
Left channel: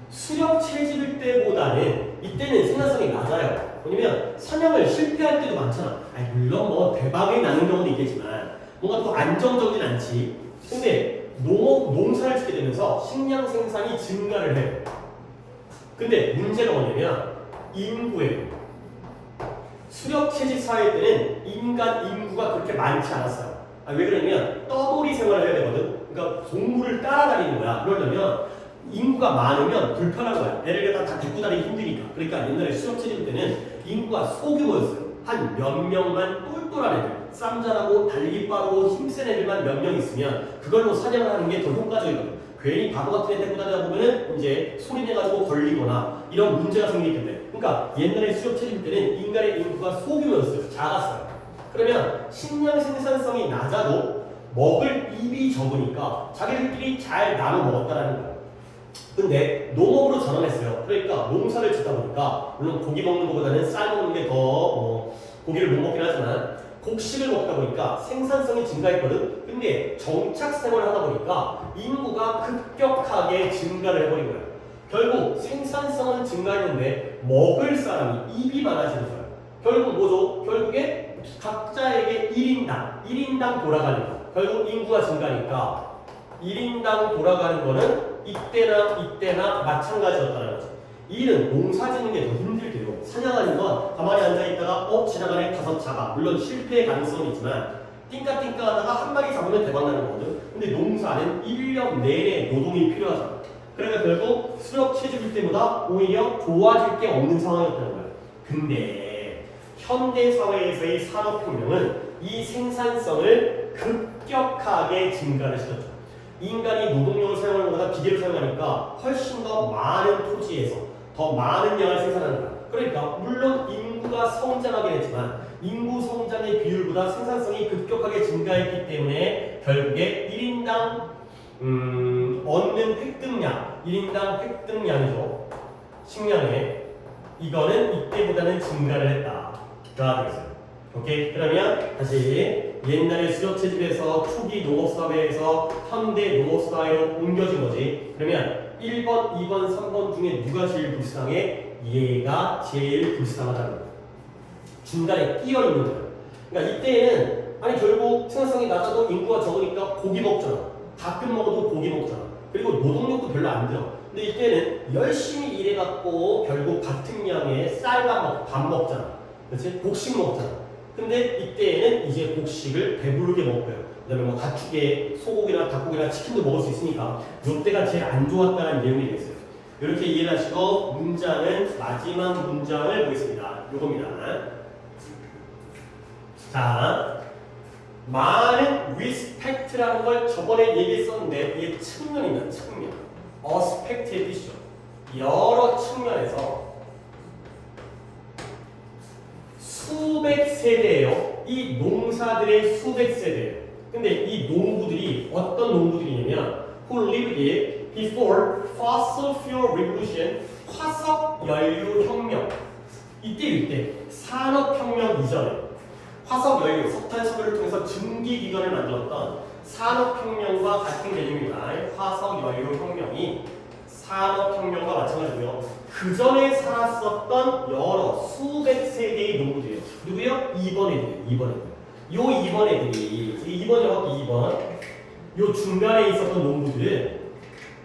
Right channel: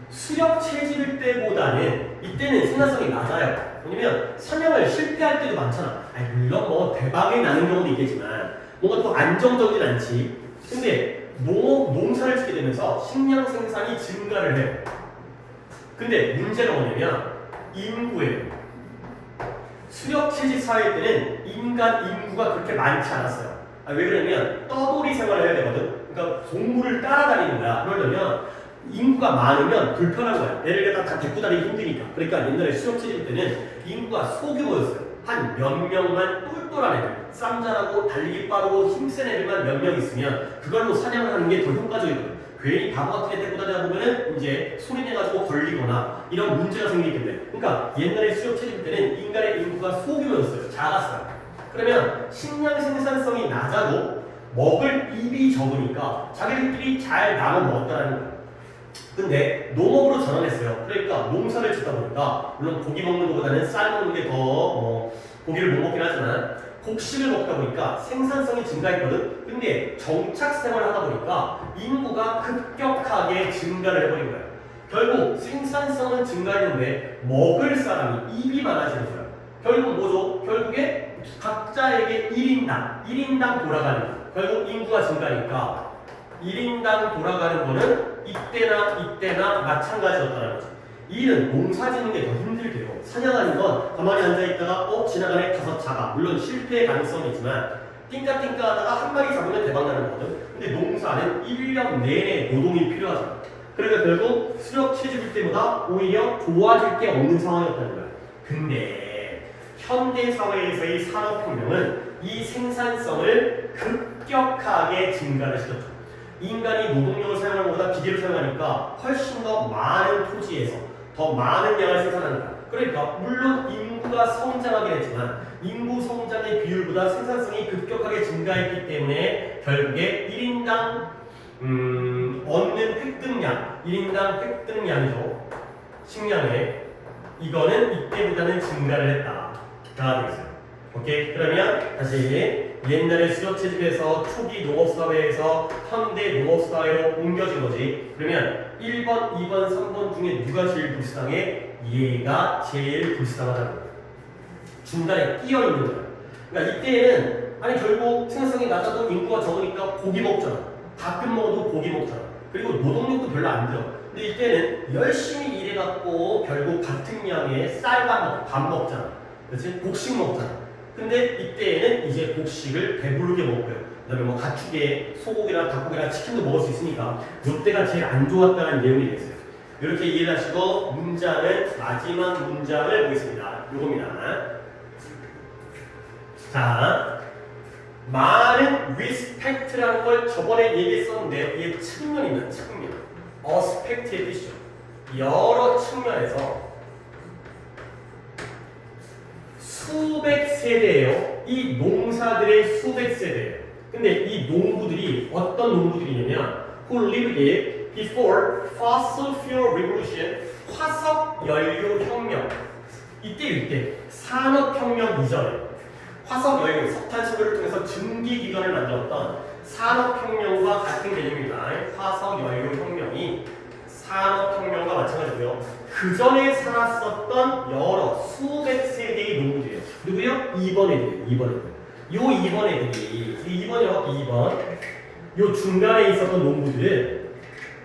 수렵 채집일 때보다는 이때는 생산성이 낮아요. 왜냐면 사냥을 실패할 때도 많잖아. 아니, 물론 뭐 대박이 나는 경우도 있겠지만 뭔가 또 안정적이진 않지. 근데 농사를 짓게 되면서 식량 생산이 증가를 해요. 근데 문제가 뭐냐면 인구예요. 수렵 채집 사회 때는 인간 인구가 그렇게 많지 않았어요. 왜 그러냐면 떠돌이 생활을 해야 되거든. 그러니까 동물을 따라다니는 거야. 그러려면 인구가 많으면 불편한 거야. 얘를 다 데리고 다니기 힘드니까. 그러니까 옛날에 수렵 채집 때는 인구가 소규모였어요. 한 몇 명만 똘똘한 애들, 쌈 잘하고 달리기 빠르고 힘센 애들만 몇 명 있으면 그걸로 사냥을 하는 게 더 효과적이거든. 괜히 바보 같은 애 데리고 다니다 보면은 이제 소리내가지고 걸리거나 이런 문제가 생기기 때문에. 그러니까 옛날에 수렵 채집 때는 인간의 인구가 소규모였어요. 작았어요. 그러면 식량 생산성이 낮아도 먹을 입이 적으니까 자기들끼리 잘 나눠 먹었다라는 거예요. 근데 농업으로 전환했어요. 그러니까 농사를 짓다 보니까 물론 고기 먹는 것보다는 쌀 먹는 게 더 고기를 못 먹긴 하지만 곡식을 먹다 보니까 생산성이 증가했거든. 근데 정착 생활을 하다 보니까 인구가 급격하게 증가를 해버린 거야. 결국 생산성은 증가했는데 먹을 사람이 입이 많아지는 거야. 결국 뭐죠? 결국에 각자에게 1인당 돌아가는 거야. 결국 인구가 증가하니까 1인당 돌아가는 거는 이때나 마찬가지였다는 거지. 이 일은 농사 짓는 게 더 힘들게 되고 사냥하는 건 가만히 앉아있다가 지나가네 가서 잡아. 물론 실패의 가능성이 있지만 띵까띵까 하다가 한 마리 잡으면 대박 나는 거거든. 근데 농사는 1년 내내 노동이 필요하잖아. 그러니까 결국 수렵 채집일 때보다 오히려 좋아질 게 없는 상황이었다는 거야. 근데 현대사회에서의 산업혁명은 이 생산성을 급격하게 증가를 시켰죠. 인간이 노동력을 사용하는 것보다 기계를 사용하니까 훨씬 더 많은 토지에서 더 많은 양을 생산하는 거야. 그러니까 물론 인구가 성장하긴 했지만 인구 성장의 비율보다 생산성이 급격하게 증가했기 때문에 결국에 1인당 얻는 획득량, 1인당 획득량이죠. 식량에 이거는 이때보다는 증가를 했다가 되겠어요. 오케이? 그러면 다시 옛날에 수렵채집에서 초기 농업사회에서 현대 농업사회로 옮겨진 거지. 그러면 1번, 2번, 3번 중에 누가 제일 불쌍해? 얘가 제일 불쌍하다는 거예요. 중간에 끼어 있는 거예요. 그러니까 이때에는 아니 결국 생산성이 낮아도 인구가 적으니까 고기 먹잖아. 가끔 먹어도 고기 먹잖아. 그리고 노동력도 별로 안 들어. 근데 이때는 열심히 일해갖고 결국 같은 양의 밥 먹잖아. 그렇지? 곡식 먹잖아. 근데 이때에는 이제 곡식을 배부르게 먹고요. 그다음에 뭐 가축의 소고기나 닭고기나 치킨도 먹을 수 있으니까 이때가 제일 안 좋았다는 내용이 되겠어요. 이렇게 이해를 하시고 문장은 마지막 문장을 보겠습니다. 요겁니다. 자, 많은 respect라는 걸 저번에 얘기했었는데 이게 측면입니다. 측면. aspect의 뜻이죠. 여러 측면에서 수백 세대예요. 이 농사들의 수백 세대예요. 근데 이 농부들이 어떤 농부들이냐면 who lived before fossil fuel revolution, 화석 연료 혁명. 이때 산업혁명 이전에 화석 연료, 석탄 석유를 통해서 증기 기관을 만들었던 산업혁명과 같은 개념입니다. 화석 연료 혁명이 산업혁명과 마찬가지고요. 그 전에 살았었던 여러 수백 세대의 농부들이에요. 누구요? 2번 애들이에요. 2번 애들. 요 2번 애들이, 2번이요, 2번. 요 중간에 있었던 농부들은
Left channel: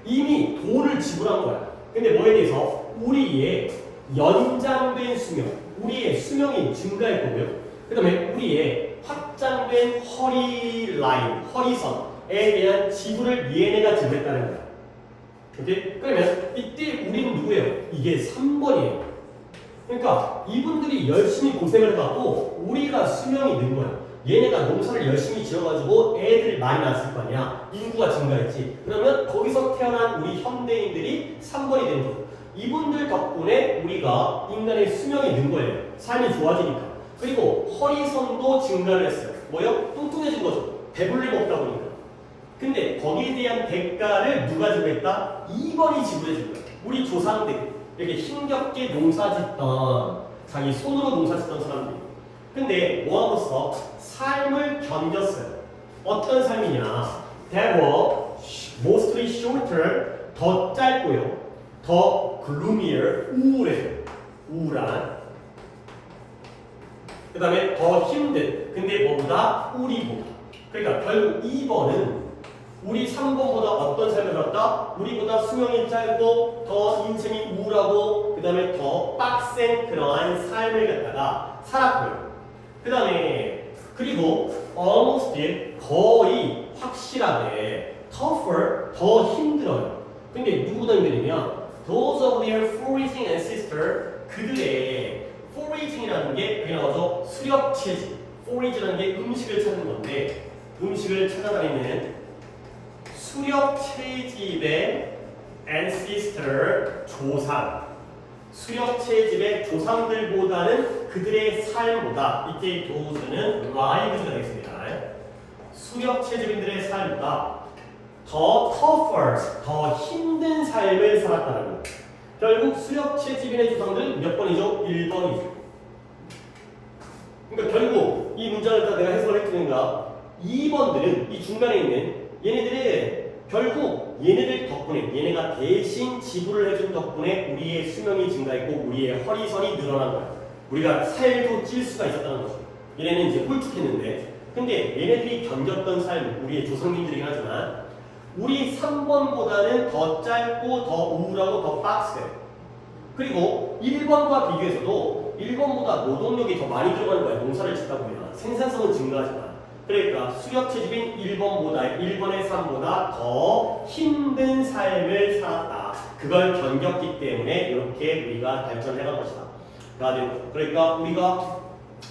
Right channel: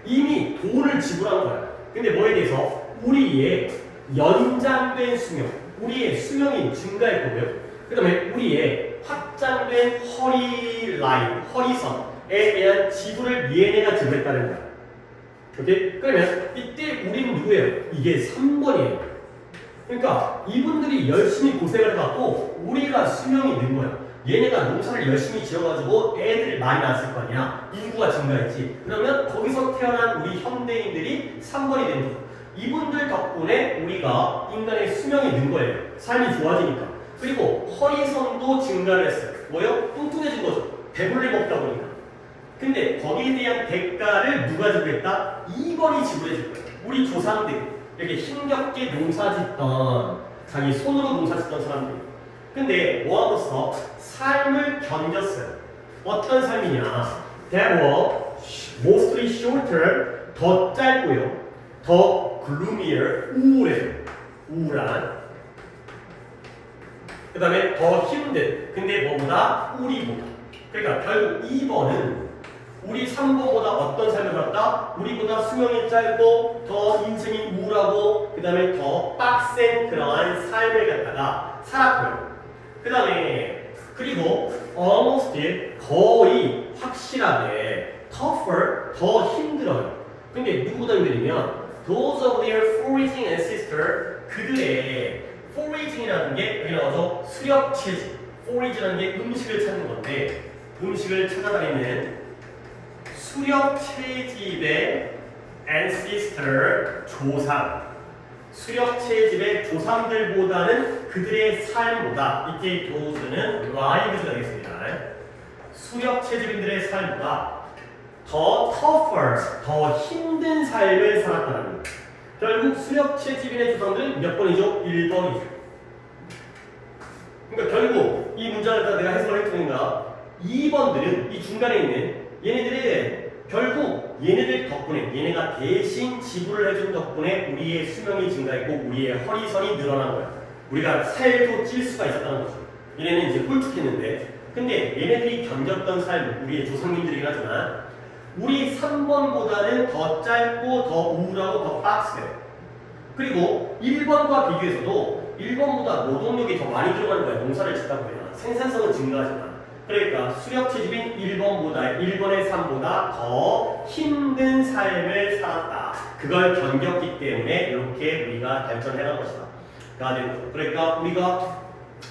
이미 돈을 지불한 거야. 근데 뭐에 대해서? 우리의 연장된 수명, 우리의 수명이 증가했고요. 그 다음에 우리의 확장된 허리선에 대한 지불을 얘네가 지불했다는 거야. 오케이? 그러면 이때 우리는 누구예요? 이게 3번이에요. 그러니까 이분들이 열심히 고생을 해갖고 우리가 수명이 는 거예요. 얘네가 농사를 열심히 지어가지고 애들 많이 낳았을 거 아니야. 인구가 증가했지. 그러면 거기서 태어난 우리 현대인들이 3번이 되는 거죠. 이분들 덕분에 우리가 인간의 수명이 는 거예요. 삶이 좋아지니까. 그리고 허리선도 증가를 했어요. 뭐요? 뚱뚱해진 거죠. 배불리 먹다 보니까. 근데 거기에 대한 대가를 누가 지불했다? 2번이 지불해줄 거예요. 우리 조상들, 이렇게 힘겹게 농사짓던, 자기 손으로 농사짓던 사람들. 근데 뭐하고서 삶을 견뎠어요. 어떤 삶이냐? That were mostly shorter, 더 짧고요. 더 gloomier, 우울한. 그 다음에 더 힘든. 근데 뭐보다? 우리보다. 그러니까 결국 2번은 우리 3번보다 어떤 삶을 살았다? 우리보다 수명이 짧고 더 인생이 우울하고 그 다음에 더 빡센 그러한 삶을 갖다가 살았고요. 그 다음에 그리고 almost 거의 확실하게 tougher 더 힘들어요. 근데 누구보다 힘들냐면 those of their foraging ancestor 그들의 foraging이라는 게 여기 나와서 수렵채집 forage라는 게 음식을 찾는 건데 음식을 찾아다니는 수렵채집의 ancestor 조상 수렵채집의 조상들보다는 그들의 삶보다 이때 도우스는 lives가 되겠습니다. 수렵채집인들의 삶보다 더 tougher, 더 힘든 삶을 살았다는 거예요. 결국 수렵채집인의 조상들은 몇 번이죠? 1번이죠. 그러니까 결국 이 문장을 다 내가 해석을 했으니까 2번들은 이 중간에 있는 얘네들은 결국 얘네들 덕분에 얘네가 대신 지불을 해준 덕분에 우리의 수명이 증가했고 우리의 허리선이 늘어난 거야. 우리가 살도 찔 수가 있었다는 거죠. 얘네는 이제 홀쭉했는데 근데 얘네들이 견뎠던 삶 우리의 조상님들이긴 하지만 우리 3번보다는 더 짧고 더 우울하고 더 빡세요. 그리고 1번과 비교해서도 1번보다 노동력이 더 많이 들어가는 거야. 농사를 짓다 보면 생산성은 증가하지만 그러니까 수렵채집인 1번의 삶보다 더 힘든 삶을 살았다. 그걸 견뎠기 때문에 이렇게 우리가 발전해간 것이다. 그러니까 우리가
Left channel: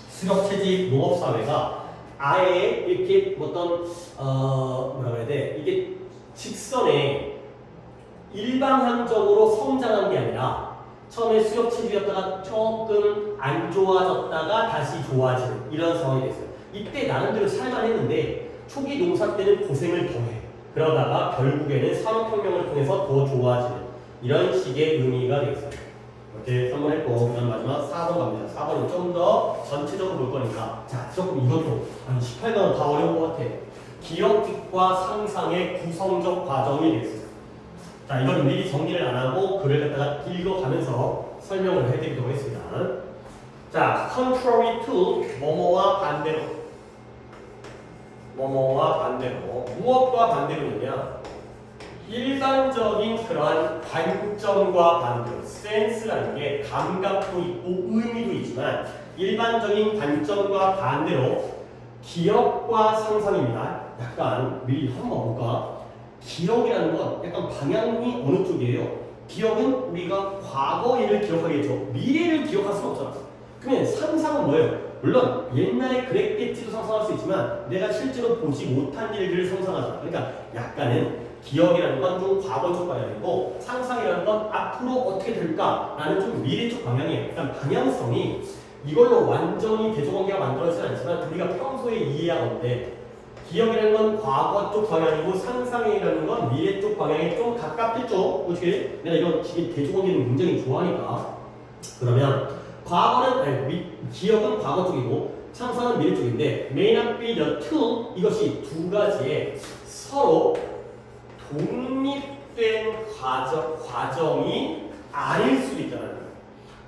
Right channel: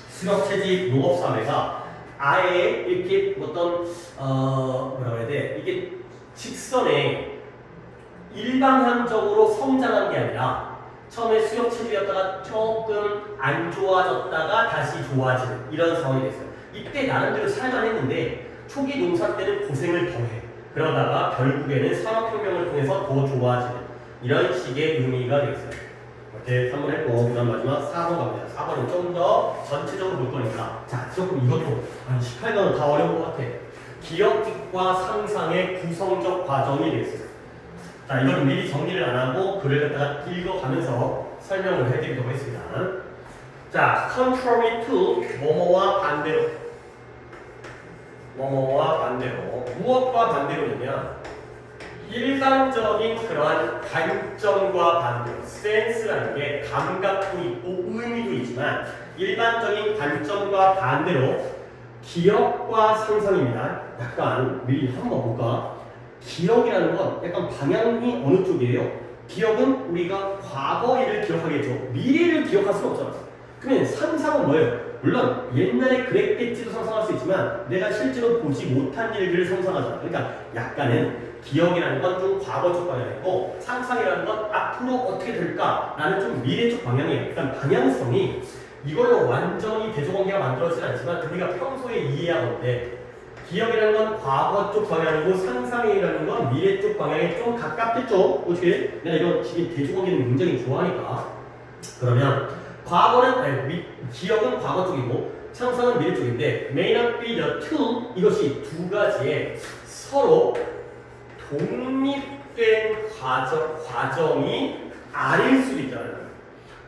수렵채집 농업사회가 아예 이렇게 어떤 뭐라 그래야 돼? 이게 직선에 일방향적으로 성장한 게 아니라 처음에 수렵채집이었다가 조금 안 좋아졌다가 다시 좋아지는 이런 상황이 됐어요. 이때 나름대로 살만했는데 초기 농사 때는 고생을 더해. 그러다가 결국에는 산업혁명을 통해서 더 좋아지는 이런 식의 의미가 되겠습니다. 이렇게 3번 했고 그다음 마지막 4번 갑니다. 4번은 좀 더 전체적으로 볼 거니까 자 조금 이것도 한 18번은 다 어려운 것 같아. 기억과 상상의 구성적 과정이 되겠습니다. 자 이거는 미리 정리를 안 하고 글을 갖다가 읽어가면서 설명을 해드리도록 하겠습니다. 자, contrary to 뭐뭐와 반대로 뭐뭐와 반대로 무엇과 반대로냐 일반적인 그러한 관점과 반대로 센스라는 게 감각도 있고 의미도 있지만 일반적인 관점과 반대로 기억과 상상입니다. 약간 미리 한번 볼까? 기억이라는 건 약간 방향이 어느 쪽이에요? 기억은 우리가 과거 일을 기억하겠죠. 미래를 기억할 수는 없잖아. 그러면 상상은 뭐예요? 물론 옛날에 그랬겠지도 상상할 수 있지만 내가 실제로 보지 못한 일들을 상상하잖아. 그러니까 약간은 기억이라는 건 좀 과거 쪽 방향이고 상상이라는 건 앞으로 어떻게 될까라는 좀 미래 쪽 방향이에요. 그러니까 방향성이 이걸로 완전히 대조관계가 만들어지지 않지만 우리가 평소에 이해하는데 기억이라는 건 과거 쪽 방향이고 상상이라는 건 미래 쪽 방향에 좀 가깝겠죠. 어떻게? 내가 이런 대조관계는 굉장히 좋아하니까. 그러면 기억은 과거 쪽이고 상상은 미래 쪽인데 may not be the two 이것이 두 가지의 서로 독립된 과정이 아닐 수도 있다는 거예요.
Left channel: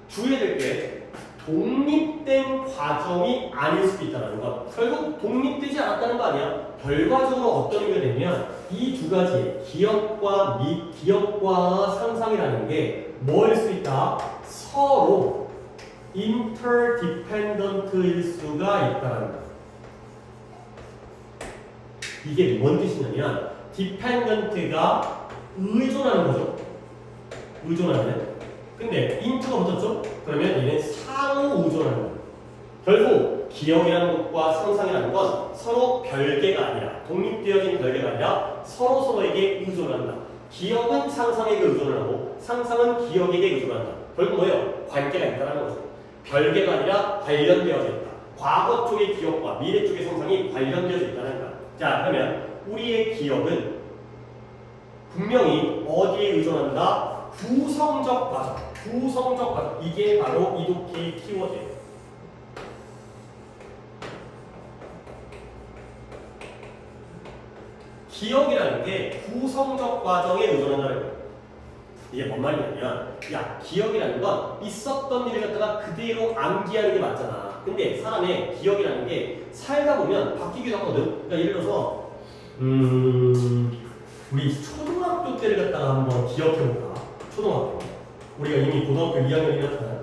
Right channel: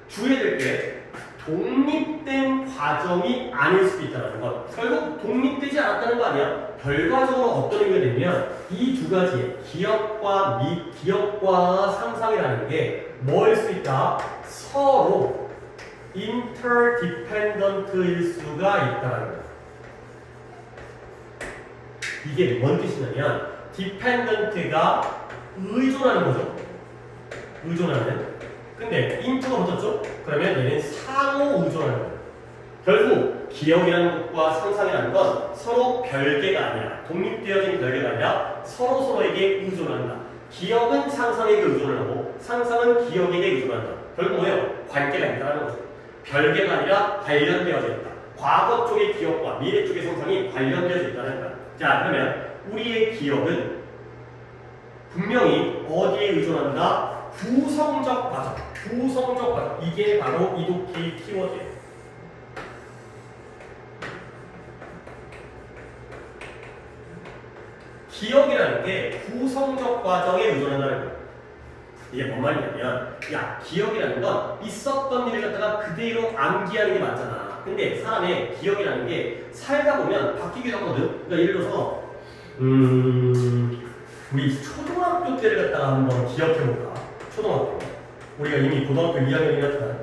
주의해야 될 게 독립된 과정이 아닐 수도 있다는 것. 결국 독립되지 않았다는 거 아니야? 결과적으로 어떤 의미가 되면 이 두 가지 기억과 상상이라는 게 뭐일 수 있다? 서로 interdependent일 수가 있다는 거. 이게 뭔 뜻이냐면 dependent가 의존하는 거죠. 의존하는. 근데 into가 붙었죠? 그러면 얘는 상호 의존하는 거예요. 결국 기억이라는 것과 상상이라는 건 서로 별개가 아니라 독립되어진 별개가 아니라 서로에게 의존한다. 기억은 상상에게 의존을 하고 상상은 기억에게 의존한다. 결국 뭐예요? 관계가 있다는 거죠. 별개가 아니라 관련되어져 있다. 과거 쪽의 기억과 미래 쪽의 상상이 관련되어져 있다는 거야. 자 그러면 우리의 기억은 분명히 어디에 의존한다? 구성적 과정. 구성적 과정. 이게 바로 이독해의 키워드예요. 기억이라는 게 구성적 과정에 의존한다는 거예요. 이게 뭔 말이냐면 야 기억이라는 건 있었던 일을 갖다가 그대로 암기하는 게 맞잖아. 근데 사람의 기억이라는 게 살다 보면 바뀌기도 하거든. 그러니까 예를 들어서 우리 초등학교 때를 갖다가 한번 기억해볼까? 초등학교. 우리가 이미 고등학교 2학년이었잖아요.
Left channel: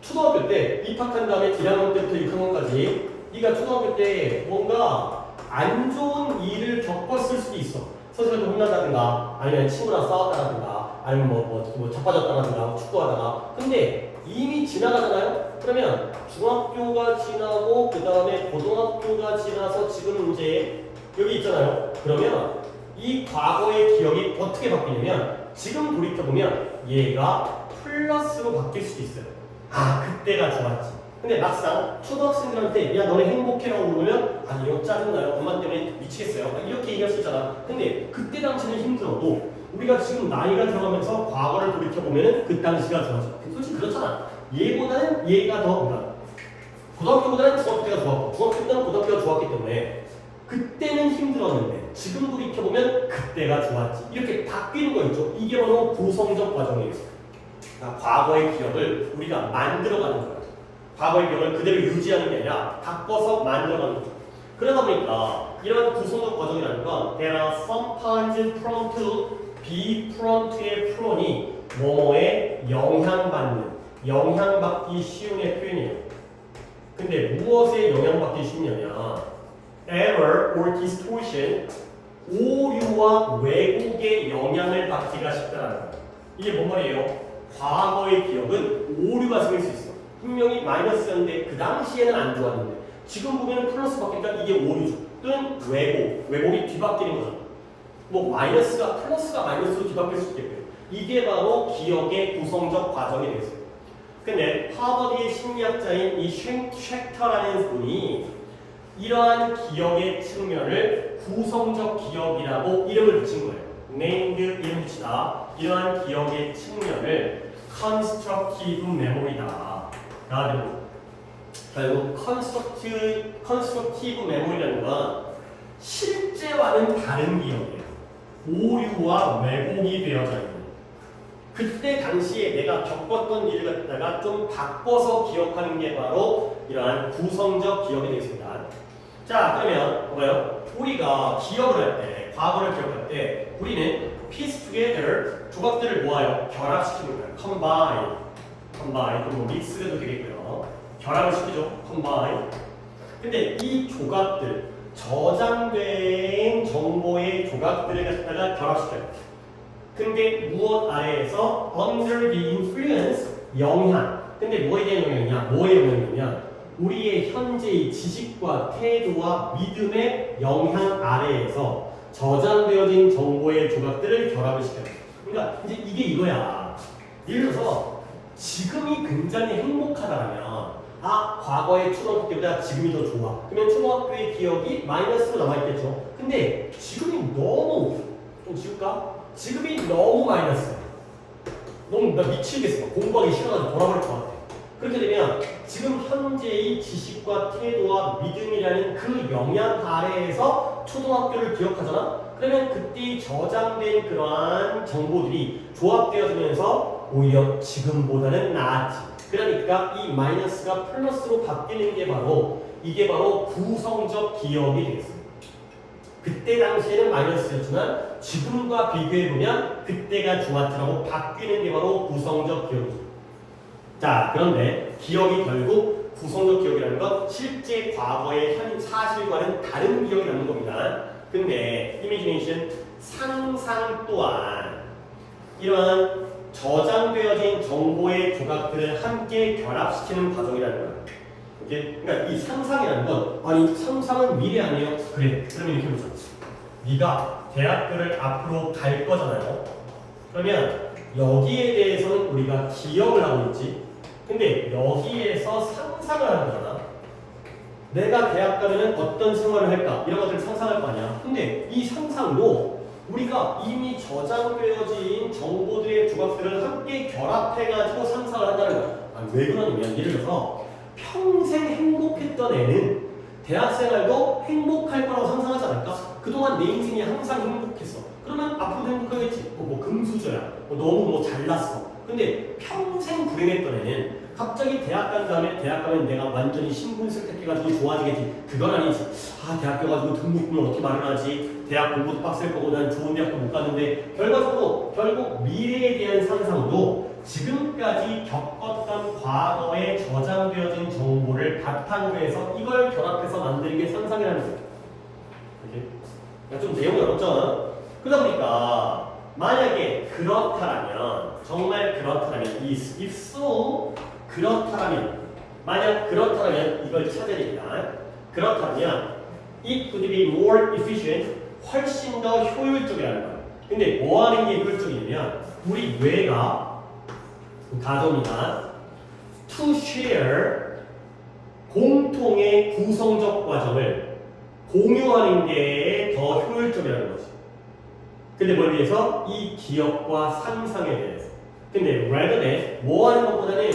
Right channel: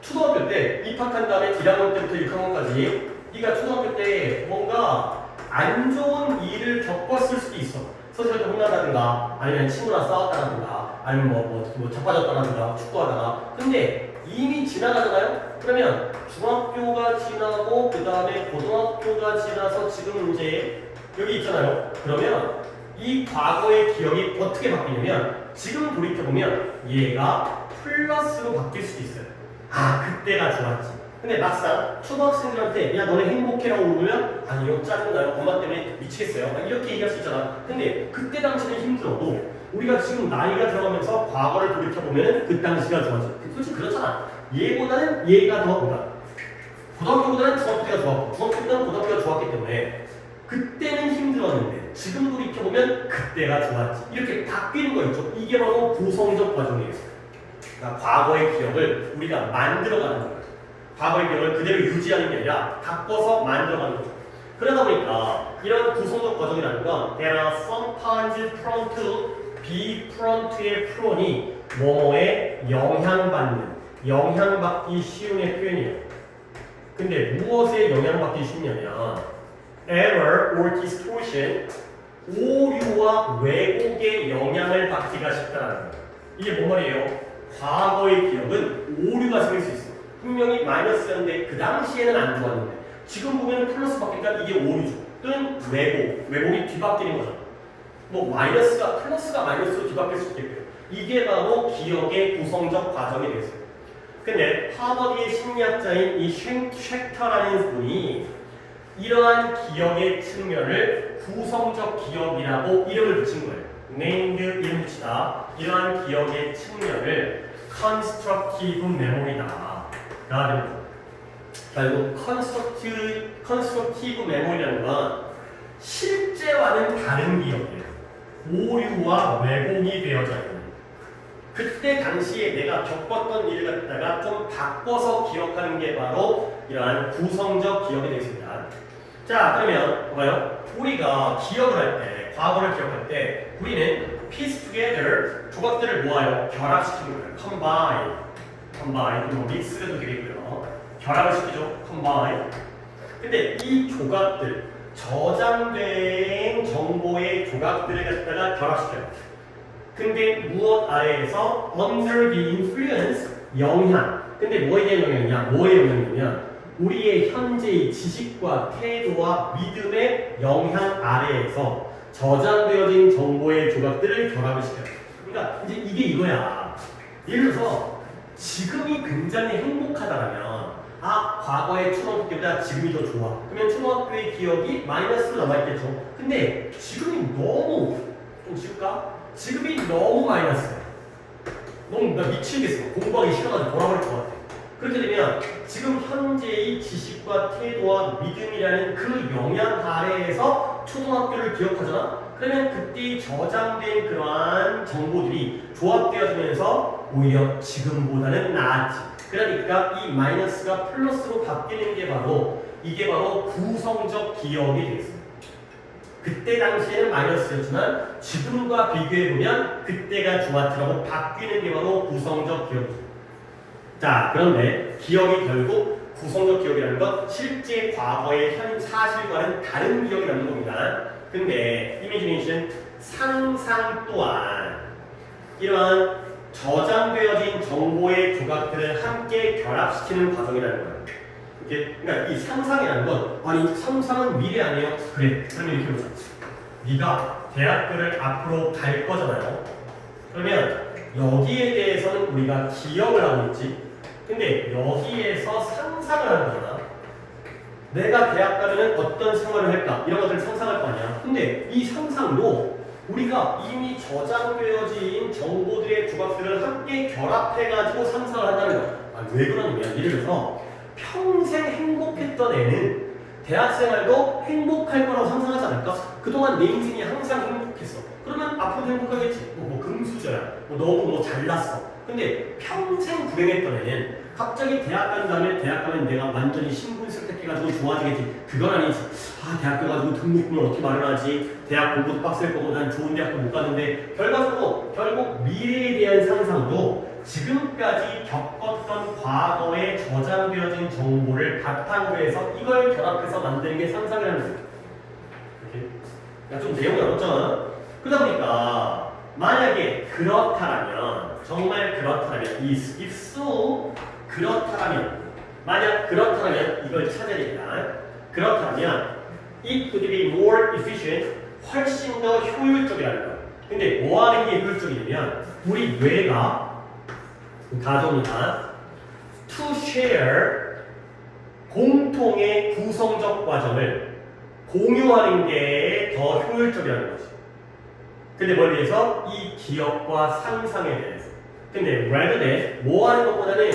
초등학교 때 입학한 다음에 1학년 때부터 6학년까지 네가 초등학교 때 뭔가 안 좋은 일을 겪었을 수도 있어. 선생님한테 혼난다든가 아니면 친구랑 싸웠다든가 아니면 뭐 자빠졌다든가 축구하다가. 근데 이미 지나가잖아요? 그러면 중학교가 지나고 그 다음에 고등학교가 지나서 지금 이제 여기 있잖아요. 그러면 이 과거의 기억이 어떻게 바뀌냐면 지금 돌이켜보면 얘가 플러스로 바뀔 수도 있어요. 아 그때가 좋았지. 근데 막상 초등학생들한테 야 너네 행복해라고 물으면 아니요 짜증나요 엄마 때문에 미치겠어요 이렇게 얘기할 수 있잖아. 근데 그때 당시는 힘들어도 우리가 지금 나이가 들어가면서 과거를 돌이켜보면 그 당시가 좋아져. 솔직히 그렇잖아. 얘보다는 얘가 더 그러니까 고등학교보다는 중학교 때가 좋았고 중학교보다는 고등학교가 좋았기 때문에 그때는 힘들었는데 지금 돌이켜보면 그때가 좋았지. 이렇게 바뀌는 거 있죠. 이게 바로 구성적 과정이에요. 그러니까 과거의 기억을 우리가 만들어가는 거예요. 과거의 기억을 그대로 유지하는 게 아니라 바꿔서 만들어가는 거죠. 그러다 보니까 이런 구성적 과정이라는 건 there are sometimes prone to be prone to의 프론이 뭐뭐에 영향받기 쉬운의 표현이에요. 근데 무엇에 영향받기 쉽냐면 error or distortion, 오류와 왜곡의 영향을 받기가 쉽다는 거예요. 이게 뭔 말이에요? 과거의 기억은 오류가 생길 수 있어요. 분명히 마이너스였는데 그 당시에는 안 좋았는데 지금 보면 플러스 바뀌니까 이게 오류죠. 또는 왜곡이 뒤바뀌는 거죠. 뭐 마이너스가 플러스가 마이너스로 뒤바뀔 수 있겠고요. 이게 바로 기억의 구성적 과정이 되겠어요. 근데 하버드의 심리학자인 이 쉑터라는 분이 이러한 기억의 측면을 구성적 기억이라고 이름을 붙인 거예요. named 이름 붙이다. 이러한 기억의 측면을 constructive memory다. 결국 constructive memory라는 건 실제와는 다른 기억이에요. 오류와 왜곡이 되어져 있는. 그때 당시에 내가 겪었던 일을 갖다가 좀 바꿔서 기억하는 게 바로 이러한 구성적 기억이 되겠습니다. 자, 그러면 봐봐요. 우리가 기억을 할 때, 과거를 기억할 때 우리는 piece together 조각들을 모아요. 결합시키는 거예요. combine, 그리고 mix도 되겠고요. 결합을 시키죠. combine. 근데 이 조각들, 저장된 정보의 조각들을 갖다가 결합시켜요. 근데 무엇 아래에서 under the influence 영향. 근데 뭐에 대한 영향이냐? 뭐의 영향이냐? 우리의 현재의 지식과 태도와 믿음의 영향 아래에서 저장되어진 정보의 조각들을 결합을 시켜요. 그러니까 이제 이게 이거야. 예를 들어서 지금이 굉장히 행복하다면 과거의 초등학교 때보다 지금이 더 좋아. 그러면 초등학교의 기억이 마이너스로 남아있겠죠. 근데 지금이 너무 좀 쉬울까? 지금이 너무 마이너스야. 너무 나 미치겠어. 공부하기 싫어가지고 돌아버릴 것 같아. 그렇게 되면 지금 현재의 지식과 태도와 믿음이라는 그 영향 아래에서 초등학교를 기억하잖아? 그러면 그때 저장된 그러한 정보들이 조합되어지면서 오히려 지금보다는 나아지. 그러니까 이 마이너스가 플러스로 바뀌는 게 바로 이게 바로 구성적 기억이 되겠습니다. 그때 당시에는 마이너스였지만 지금과 비교해보면 그때가 좋았지라고 바뀌는 게 바로 구성적 기억이죠. 자, 그런데 기억이 결국 구성적 기억이라는 건 실제 과거의 현 사실과는 다른 기억이라는 겁니다. 근데 이미지네이션 상상 또한 이러한 저장되어진 정보의 조각들을 함께 결합시키는 과정이라는 거예요. 그러니까 이 상상이라는 건 아니 상상은 미래 아니에요? 그래. 그러면 이렇게 보자. 네가 대학교를 앞으로 갈 거잖아요. 그러면 여기에 대해서는 우리가 기억을 하고 있지. 근데 여기에서 상상을 하는 거잖아. 내가 대학 가면 어떤 생활을 할까? 이런 것들을 상상할 거 아니야. 근데 이 상상도 우리가 이미 저장되어진 정보들의 조각들을 함께 결합해가지고 상상을 한다는 거야. 왜 그러냐면 예를 들어서 평생 행복했던 애는 대학생활도 행복할 거라고 상상하지 않을까? 그동안 내 인생이 항상 행복했어. 그러면 앞으로도 행복하겠지. 금수저야. 너무 잘났어. 근데 평생 불행했던 애는 갑자기 대학 간 다음에 대학 가면 내가 완전히 신분습득해가지고 좋아지겠지. 그건 아니지. 대학교 가지고 등록금을 어떻게 마련하지? 대학 공부도 빡셀 거고 난 좋은 대학도 못 가는데 결과적으로 결국 미래에 대한 상상도 지금까지 겪었던 과거에 저장되어진 정보를 바탕으로 해서 이걸 결합해서 만드는 게 상상이라는 거예요. 좀 내용이 어렵잖아. 그러다 보니까 만약에 그렇다면 정말 그렇다면 if so 그렇다면 만약 그렇다면 이걸 찾아야 됩니다. 그렇다면 it could be more efficient 훨씬 더 효율적이라는 거예요. 근데 뭐 하는 게 효율적이냐면 우리 뇌가 가정이나 to share 공통의 구성적 과정을 공유하는 게 더 효율적이라는 거지. 근데 뭘 위해서? 이 기억과 상상에 대해서. 근데 rather than 뭐 하는 것보다는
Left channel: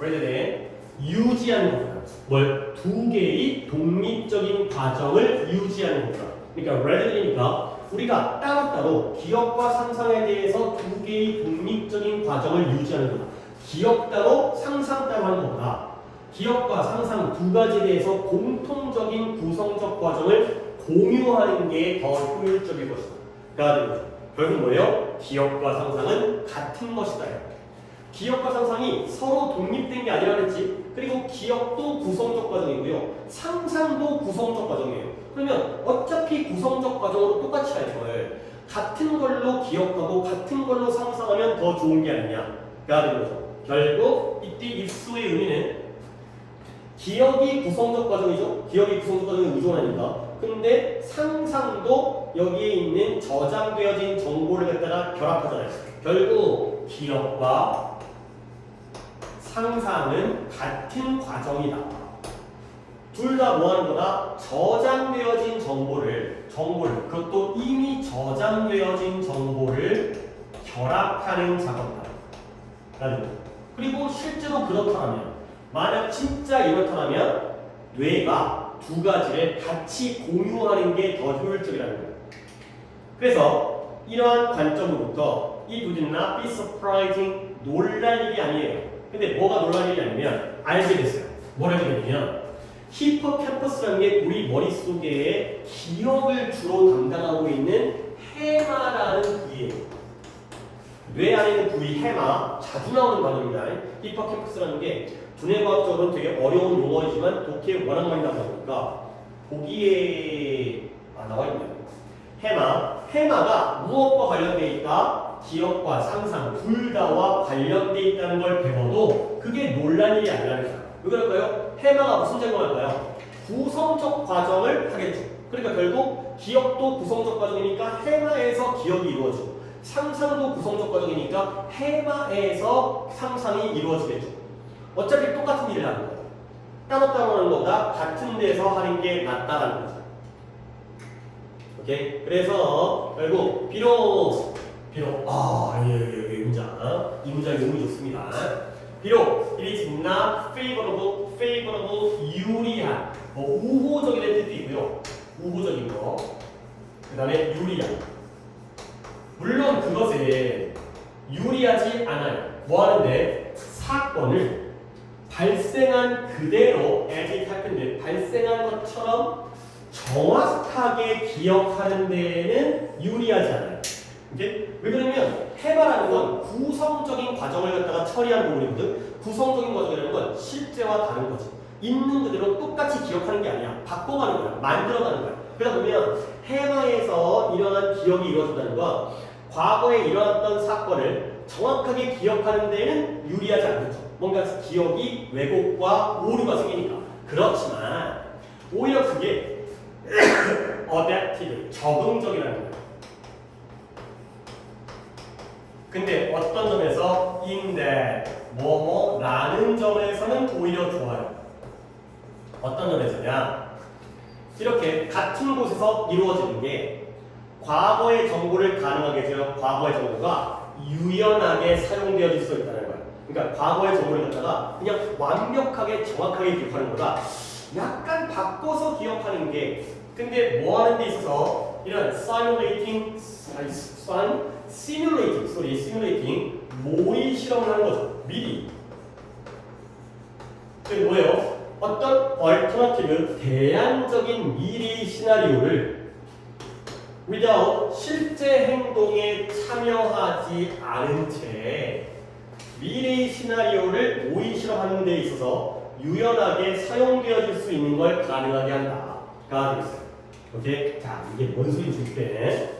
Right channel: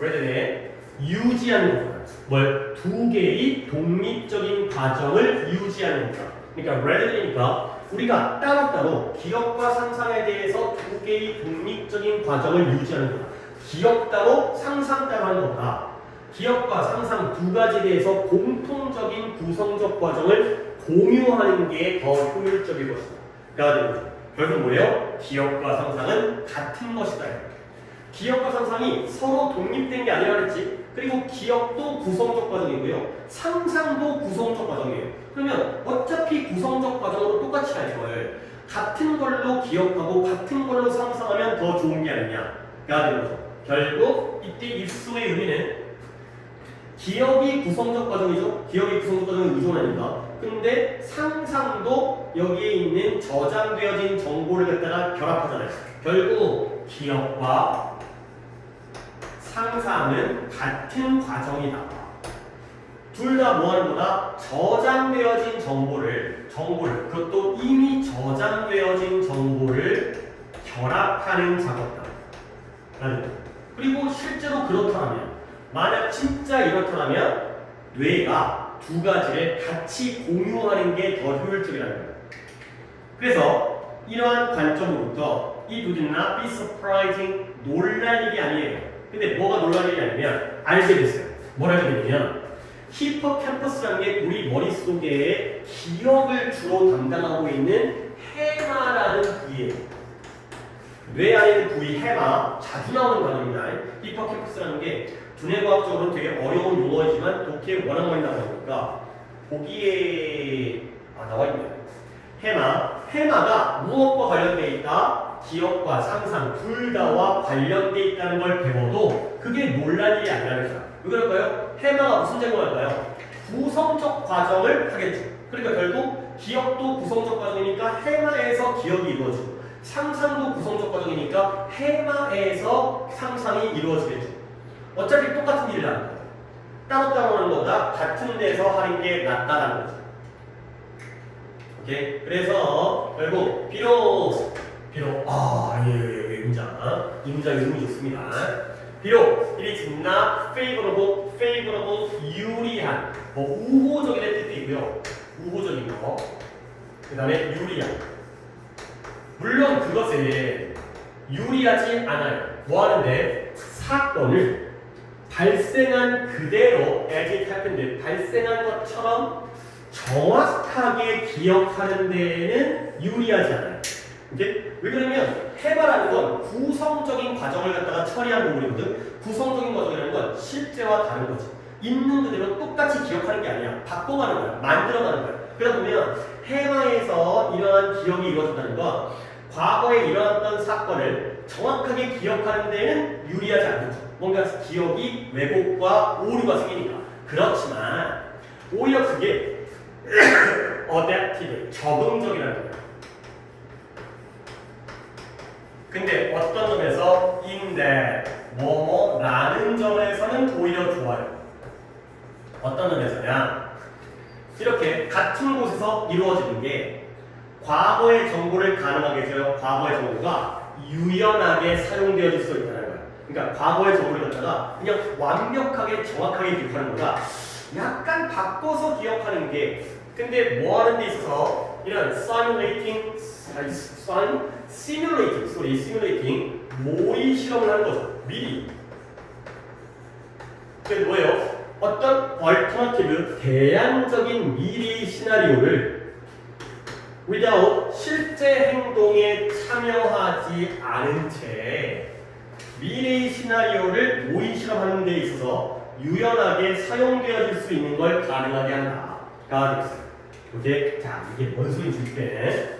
rather than 유지하는 것보다 뭘? 두 개의 독립적인 과정을 유지하는 것보다. 그러니까 rather than이니까 우리가 따로따로 기억과 상상에 대해서 두 개의 독립적인 과정을 유지하는 것보다 기억 따로 상상 따로 하는 것보다 기억과 상상 두 가지에 대해서 공통적인 구성적 과정을 공유하는 게 더 효율적일 것이다. 그러니까 결국 뭐예요? 기억과 상상은 같은 것이다. 기억과 상상이 서로 독립된 게 아니라 그랬지. 그리고 기억도 구성적 과정이고요. 상상도 구성적 과정이에요. 그러면 어차피 구성적 과정으로 똑같이 할 걸 같은 걸로 기억하고 같은 걸로 상상하면 더 좋은 게 아니냐. 가 되는 거죠. 결국 이때 입수의 의미는 기억이 구성적 과정이죠. 기억이 구성적 과정은 의존합니다. 근데 상상도 여기에 있는 저장되어진 정보를 갖다가 결합하잖아요. 결국 기억과 상상은 같은 과정이다. 둘 다 뭐 하는 거다? 저장되어진 정보를 그것도 이미 저장되어진 정보를 결합하는 작업이다. 라는 거. 그리고 실제로 그렇다면 만약 진짜 이렇다면 뇌가 두 가지를 같이 공유하는 게 더 효율적이라는 거예요. 그래서 이러한 관점으로부터 이 do not be surprising 놀랄 일이 아니에요. 근데 뭐가 놀랄 일이 아니면 알게 됐어요. 뭐라고 되냐면 히포캠퍼스라는 게 우리 머릿속에 기억을 주로 담당하고 있는 해마라는 부위예요. 뇌 안에 있는 부위 해마 자주 나오는 단어입니다. 히포캠퍼스라는 게 두뇌과학적으로는 되게 어려운 용어이지만 독해에 워낙 많이 나오니까 보기에 나와 있네요. 해마가 무엇과 관련되어 있다? 기억과 상상 둘 다와 관련되어 있다는 걸 배워도 그게 놀랄 일이 아니라는 거야. 왜 그럴까요? 해마가 무슨 작용할까요? 구성적 과정을 하겠죠. 그러니까 결국 기억도 구성적 과정이니까 해마에서 기억이 이루어지고 상상도 구성적 과정이니까 해마에서 상상이 이루어지겠죠. 어차피 똑같은 일을 하는 거예요. 따로따로 하는 것보다 같은 데서 하는 게 낫다라는 거죠. 오케이? 그래서 결국 비록 이 문장 의미 좋습니다. 비록 it is not favorable 유리한 우호적이라는 뜻도 있고요. 우호적인 거. 그 다음에 유리한. 물론 그것은 유리하지 않아요. 뭐 하는데 사건을 발생한 그대로 as it happened 발생한 것처럼 정확하게 기억하는 데에는 유리하지 않아요. 오케이? 왜 그러냐면 해마라는 건 구성적인 과정을 갖다가 처리한 부분이거든. 구성적인 과정이라는 건 실제와 다른 거지. 있는 그대로 똑같이 기억하는 게 아니야. 바꿔가는 거야. 만들어가는 거야. 그러다 보면 해마에서 이러한 기억이 이루어진다는 건 과거에 일어났던 사건을 정확하게 기억하는 데는 유리하지 않겠죠. 뭔가 기억이 왜곡과 오류가 생기니까. 그렇지만 오히려 그게 adaptive, 적응적이라는 거예요. 근데 어떤 점에서 in that, 라는 점에서는 오히려 좋아요. 어떤 점에서냐? 이렇게 같은 곳에서 이루어지는 게 과거의 정보를 가능하게 해줘요. 과거의 정보가 유연하게 사용되어질 수 있다는 거예요. 그러니까 과거의 정보를 갖다가 그냥 완벽하게 정확하게 기억하는 것보다 약간 바꿔서 기억하는 게 근데 뭐 하는 데 있어서 이런 simulating 모의 실험을 하는 거죠. 미리. 그게 뭐예요? 어떤 alternative 대안적인 미래 시나리오를 without 실제 행동에 참여하지 않은 채 미래 시나리오를 모의 실험하는 데 있어서 유연하게 사용되어질 수 있는 걸 가능하게 한다가 되겠어요. 오케이? 자, 이게 뭔 소리인지 줄게.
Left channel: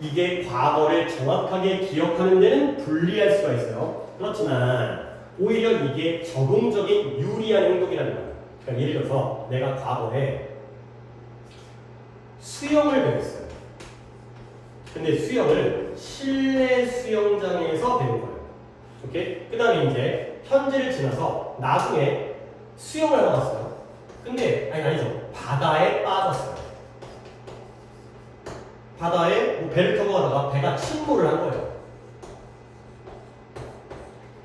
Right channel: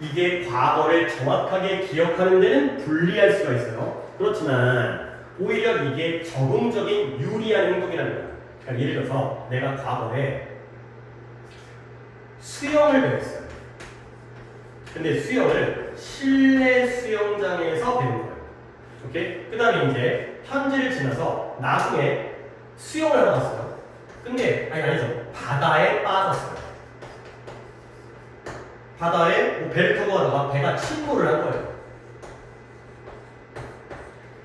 이게 과거를 정확하게 기억하는 데는 불리할 수가 있어요. 그렇지만 오히려 이게 적응적인 유리한 행동이라는 거예요. 그러니까 예를 들어서 내가 과거에 수영을 배웠어요. 근데 수영을 실내 수영장에서 배운 거예요. 오케이? 그 다음에 이제 현지를 지나서 나중에 수영을 하러 갔어요. 근데 아니죠. 바다에 빠졌어요. 바다에 배를 타고 가다가 배가 침몰을 한 거예요.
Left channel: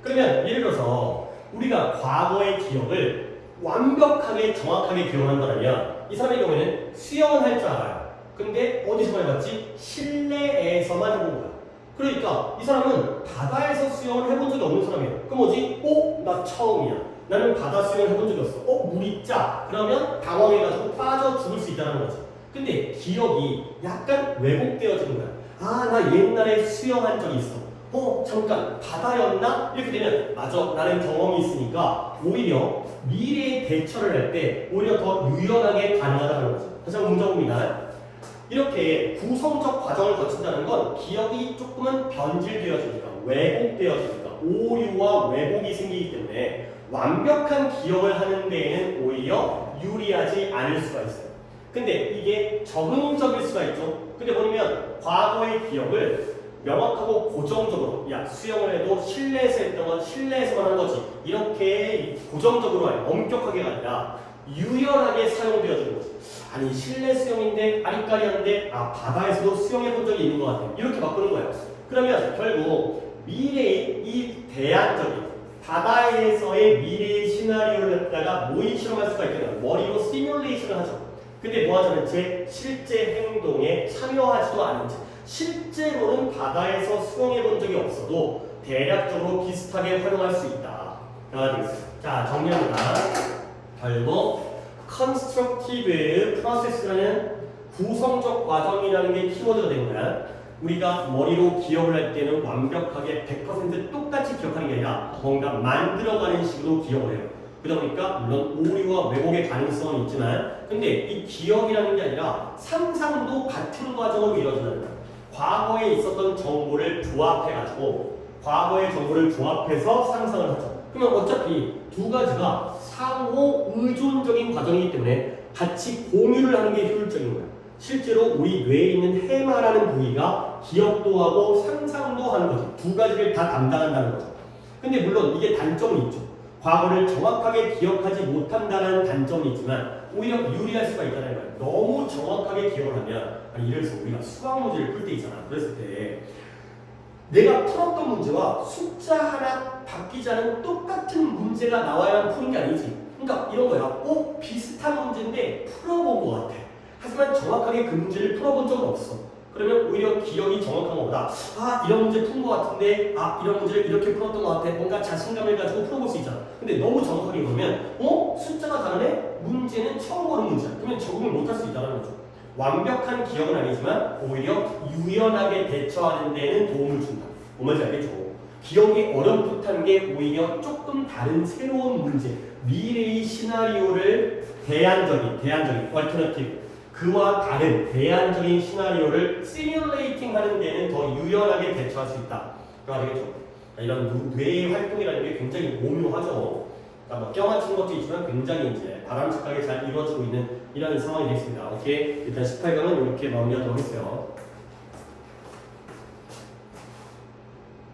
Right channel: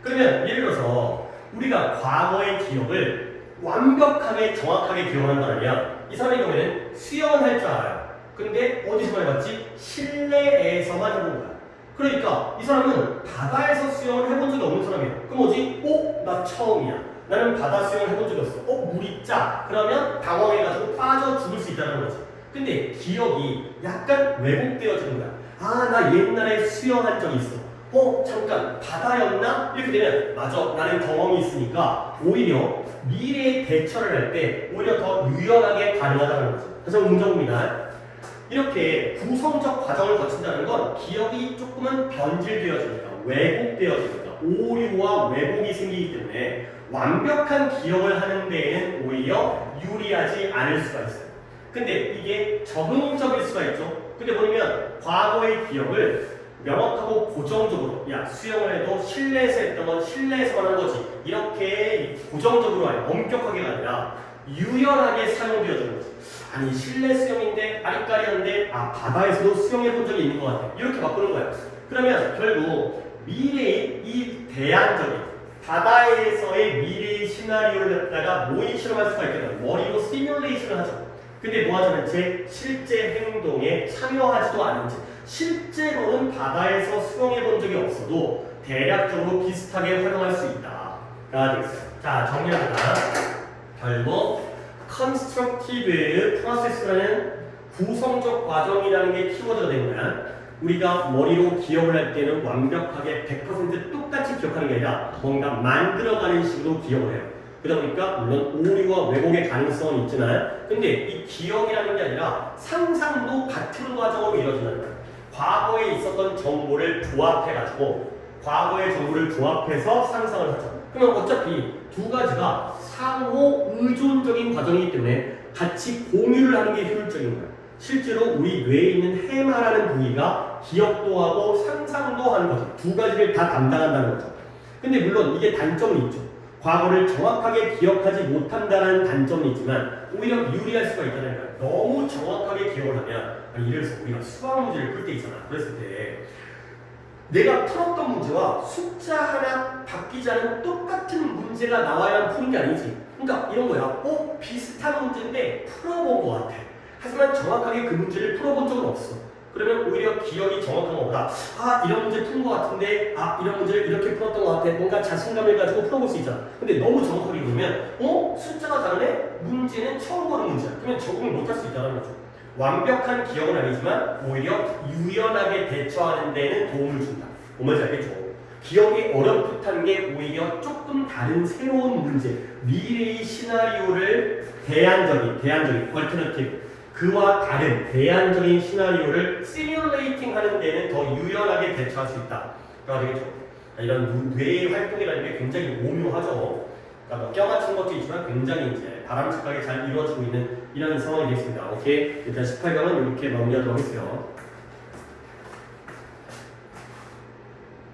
그러면 예를 들어서 우리가 과거의 기억을 완벽하게 정확하게 기억한다면 이 사람의 경우에는 수영은 할 줄 알아요. 근데 어디서만 해봤지? 실내에서만 해본 거야. 그러니까 이 사람은 바다에서 수영을 해본 적이 없는 사람이에요. 그럼 뭐지? 나 처음이야. 나는 바다 수영을 해본 적이 없어. 물이 짜. 그러면 당황해가지고 빠져 죽을 수 있다는 거지. 근데 기억이 약간 왜곡되어지는 거야. 나 옛날에 수영한 적이 있어. 잠깐 바다였나? 이렇게 되면 맞아. 나는 경험이 있으니까 오히려 미래에 대처를 할 때 오히려 더 유연하게 가능하다는 거죠. 다시 한번 문제입니다. 이렇게 구성적 과정을 거친다는 건 기억이 조금은 변질되어지니까 왜곡되어지니까 오류와 왜곡이 생기기 때문에 완벽한 기억을 하는 데에는 오히려 유리하지 않을 수가 있어요. 근데 이게 적응적일 수가 있죠. 근데 보면 과거의 기억을 명확하고 고정적으로 수영을 해도 실내에서 했던 건 실내에서만 한 거지 이렇게 고정적으로 엄격하게가 아니라 유연하게 사용되어지는 거지. 아니 실내 수영인데 아리까리한데 바다에서도 수영해 본 적이 있는 것 같아. 이렇게 바꾸는 거야. 그러면 결국 미래의 이 대안적인 바다에서의 미래의 시나리오를 갖다가 모의 실험할 수가 있겠다. 머리로 시뮬레이션을 하죠. 근데 뭐 하자면 제 실제 행동에 참여하지도 않은지 실제로는 바다에서 수영해 본 적이 없어도 대략적으로 비슷하게 활용할 수 있다가 되겠어요. 자, 정리합니다. 결국 constructive process라는 구성적 과정이라는 게 키워드가 됩니다. 우리가 머리로 기억을 할 때는 완벽하게 100% 똑같이 기억하는 게 아니라 뭔가 만들어가는 식으로 기억을 해요. 그러다 보니까 물론 오류와 왜곡의 가능성은 있지만 근데 이 기억이라는 게 아니라 상상도 같은 과정으로 이루어진다는 거예요. 과거에 있었던 정보를 조합해가지고 과거의 정보를 조합해서 상상을 하죠. 그러면 어차피 두 가지가 상호 의존적인 과정이기 때문에 같이 공유를 하는 게 효율적인 거예요. 실제로 우리 뇌에 있는 해마라는 부위가 기억도 하고 상상도 하는 거죠. 두 가지를 다 담당한다는 거죠. 근데 물론 이게 단점은 있죠. 과거를 정확하게 기억하지 못한다는 단점은 있지만 오히려 유리할 수가 있다는 거예요. 너무 정확하게 기억을 하면 예를 들어서 우리가 수학 문제를 풀 때 있잖아. 그랬을 때 내가 풀었던 문제와 숫자 하나 바뀌지 않은 똑같은 문제가 나와야 푸는 게 아니지. 그러니까 이런 거야. 비슷한 문제인데 풀어본 것 같아. 하지만 정확하게 그 문제를 풀어본 적은 없어. 그러면 오히려 기억이 정확한 것보다 이런 문제 푼 것 같은데 이런 문제를 이렇게 풀었던 것 같아. 뭔가 자신감을 가지고 풀어볼 수 있잖아. 근데 너무 정확하게 보면 숫자가 다르네? 문제는 처음 보는 문제야. 그러면 적응을 못할 수 있다는 거죠. 완벽한 기억은 아니지만 오히려 유연하게 대처하는 데는 도움을 준다. 뭔지 알겠죠? 기억이 어렴풋한 게 오히려 조금 다른 새로운 문제, 미래의 시나리오를 대안적인 alternative 그와 다른 대안적인 시나리오를 시뮬레이팅 하는 데는 더 유연하게 대처할 수 있다. 그러니까 되겠죠? 이런 뇌의 활동이라는 게 굉장히 오묘하죠. 그러니까 껴맞춘 것도 있지만 굉장히 이제 바람직하게 잘 이루어지고 있는 이런 상황이 되겠습니다. 오케이? 일단 18강은 이렇게 마무리하도록 하겠어요.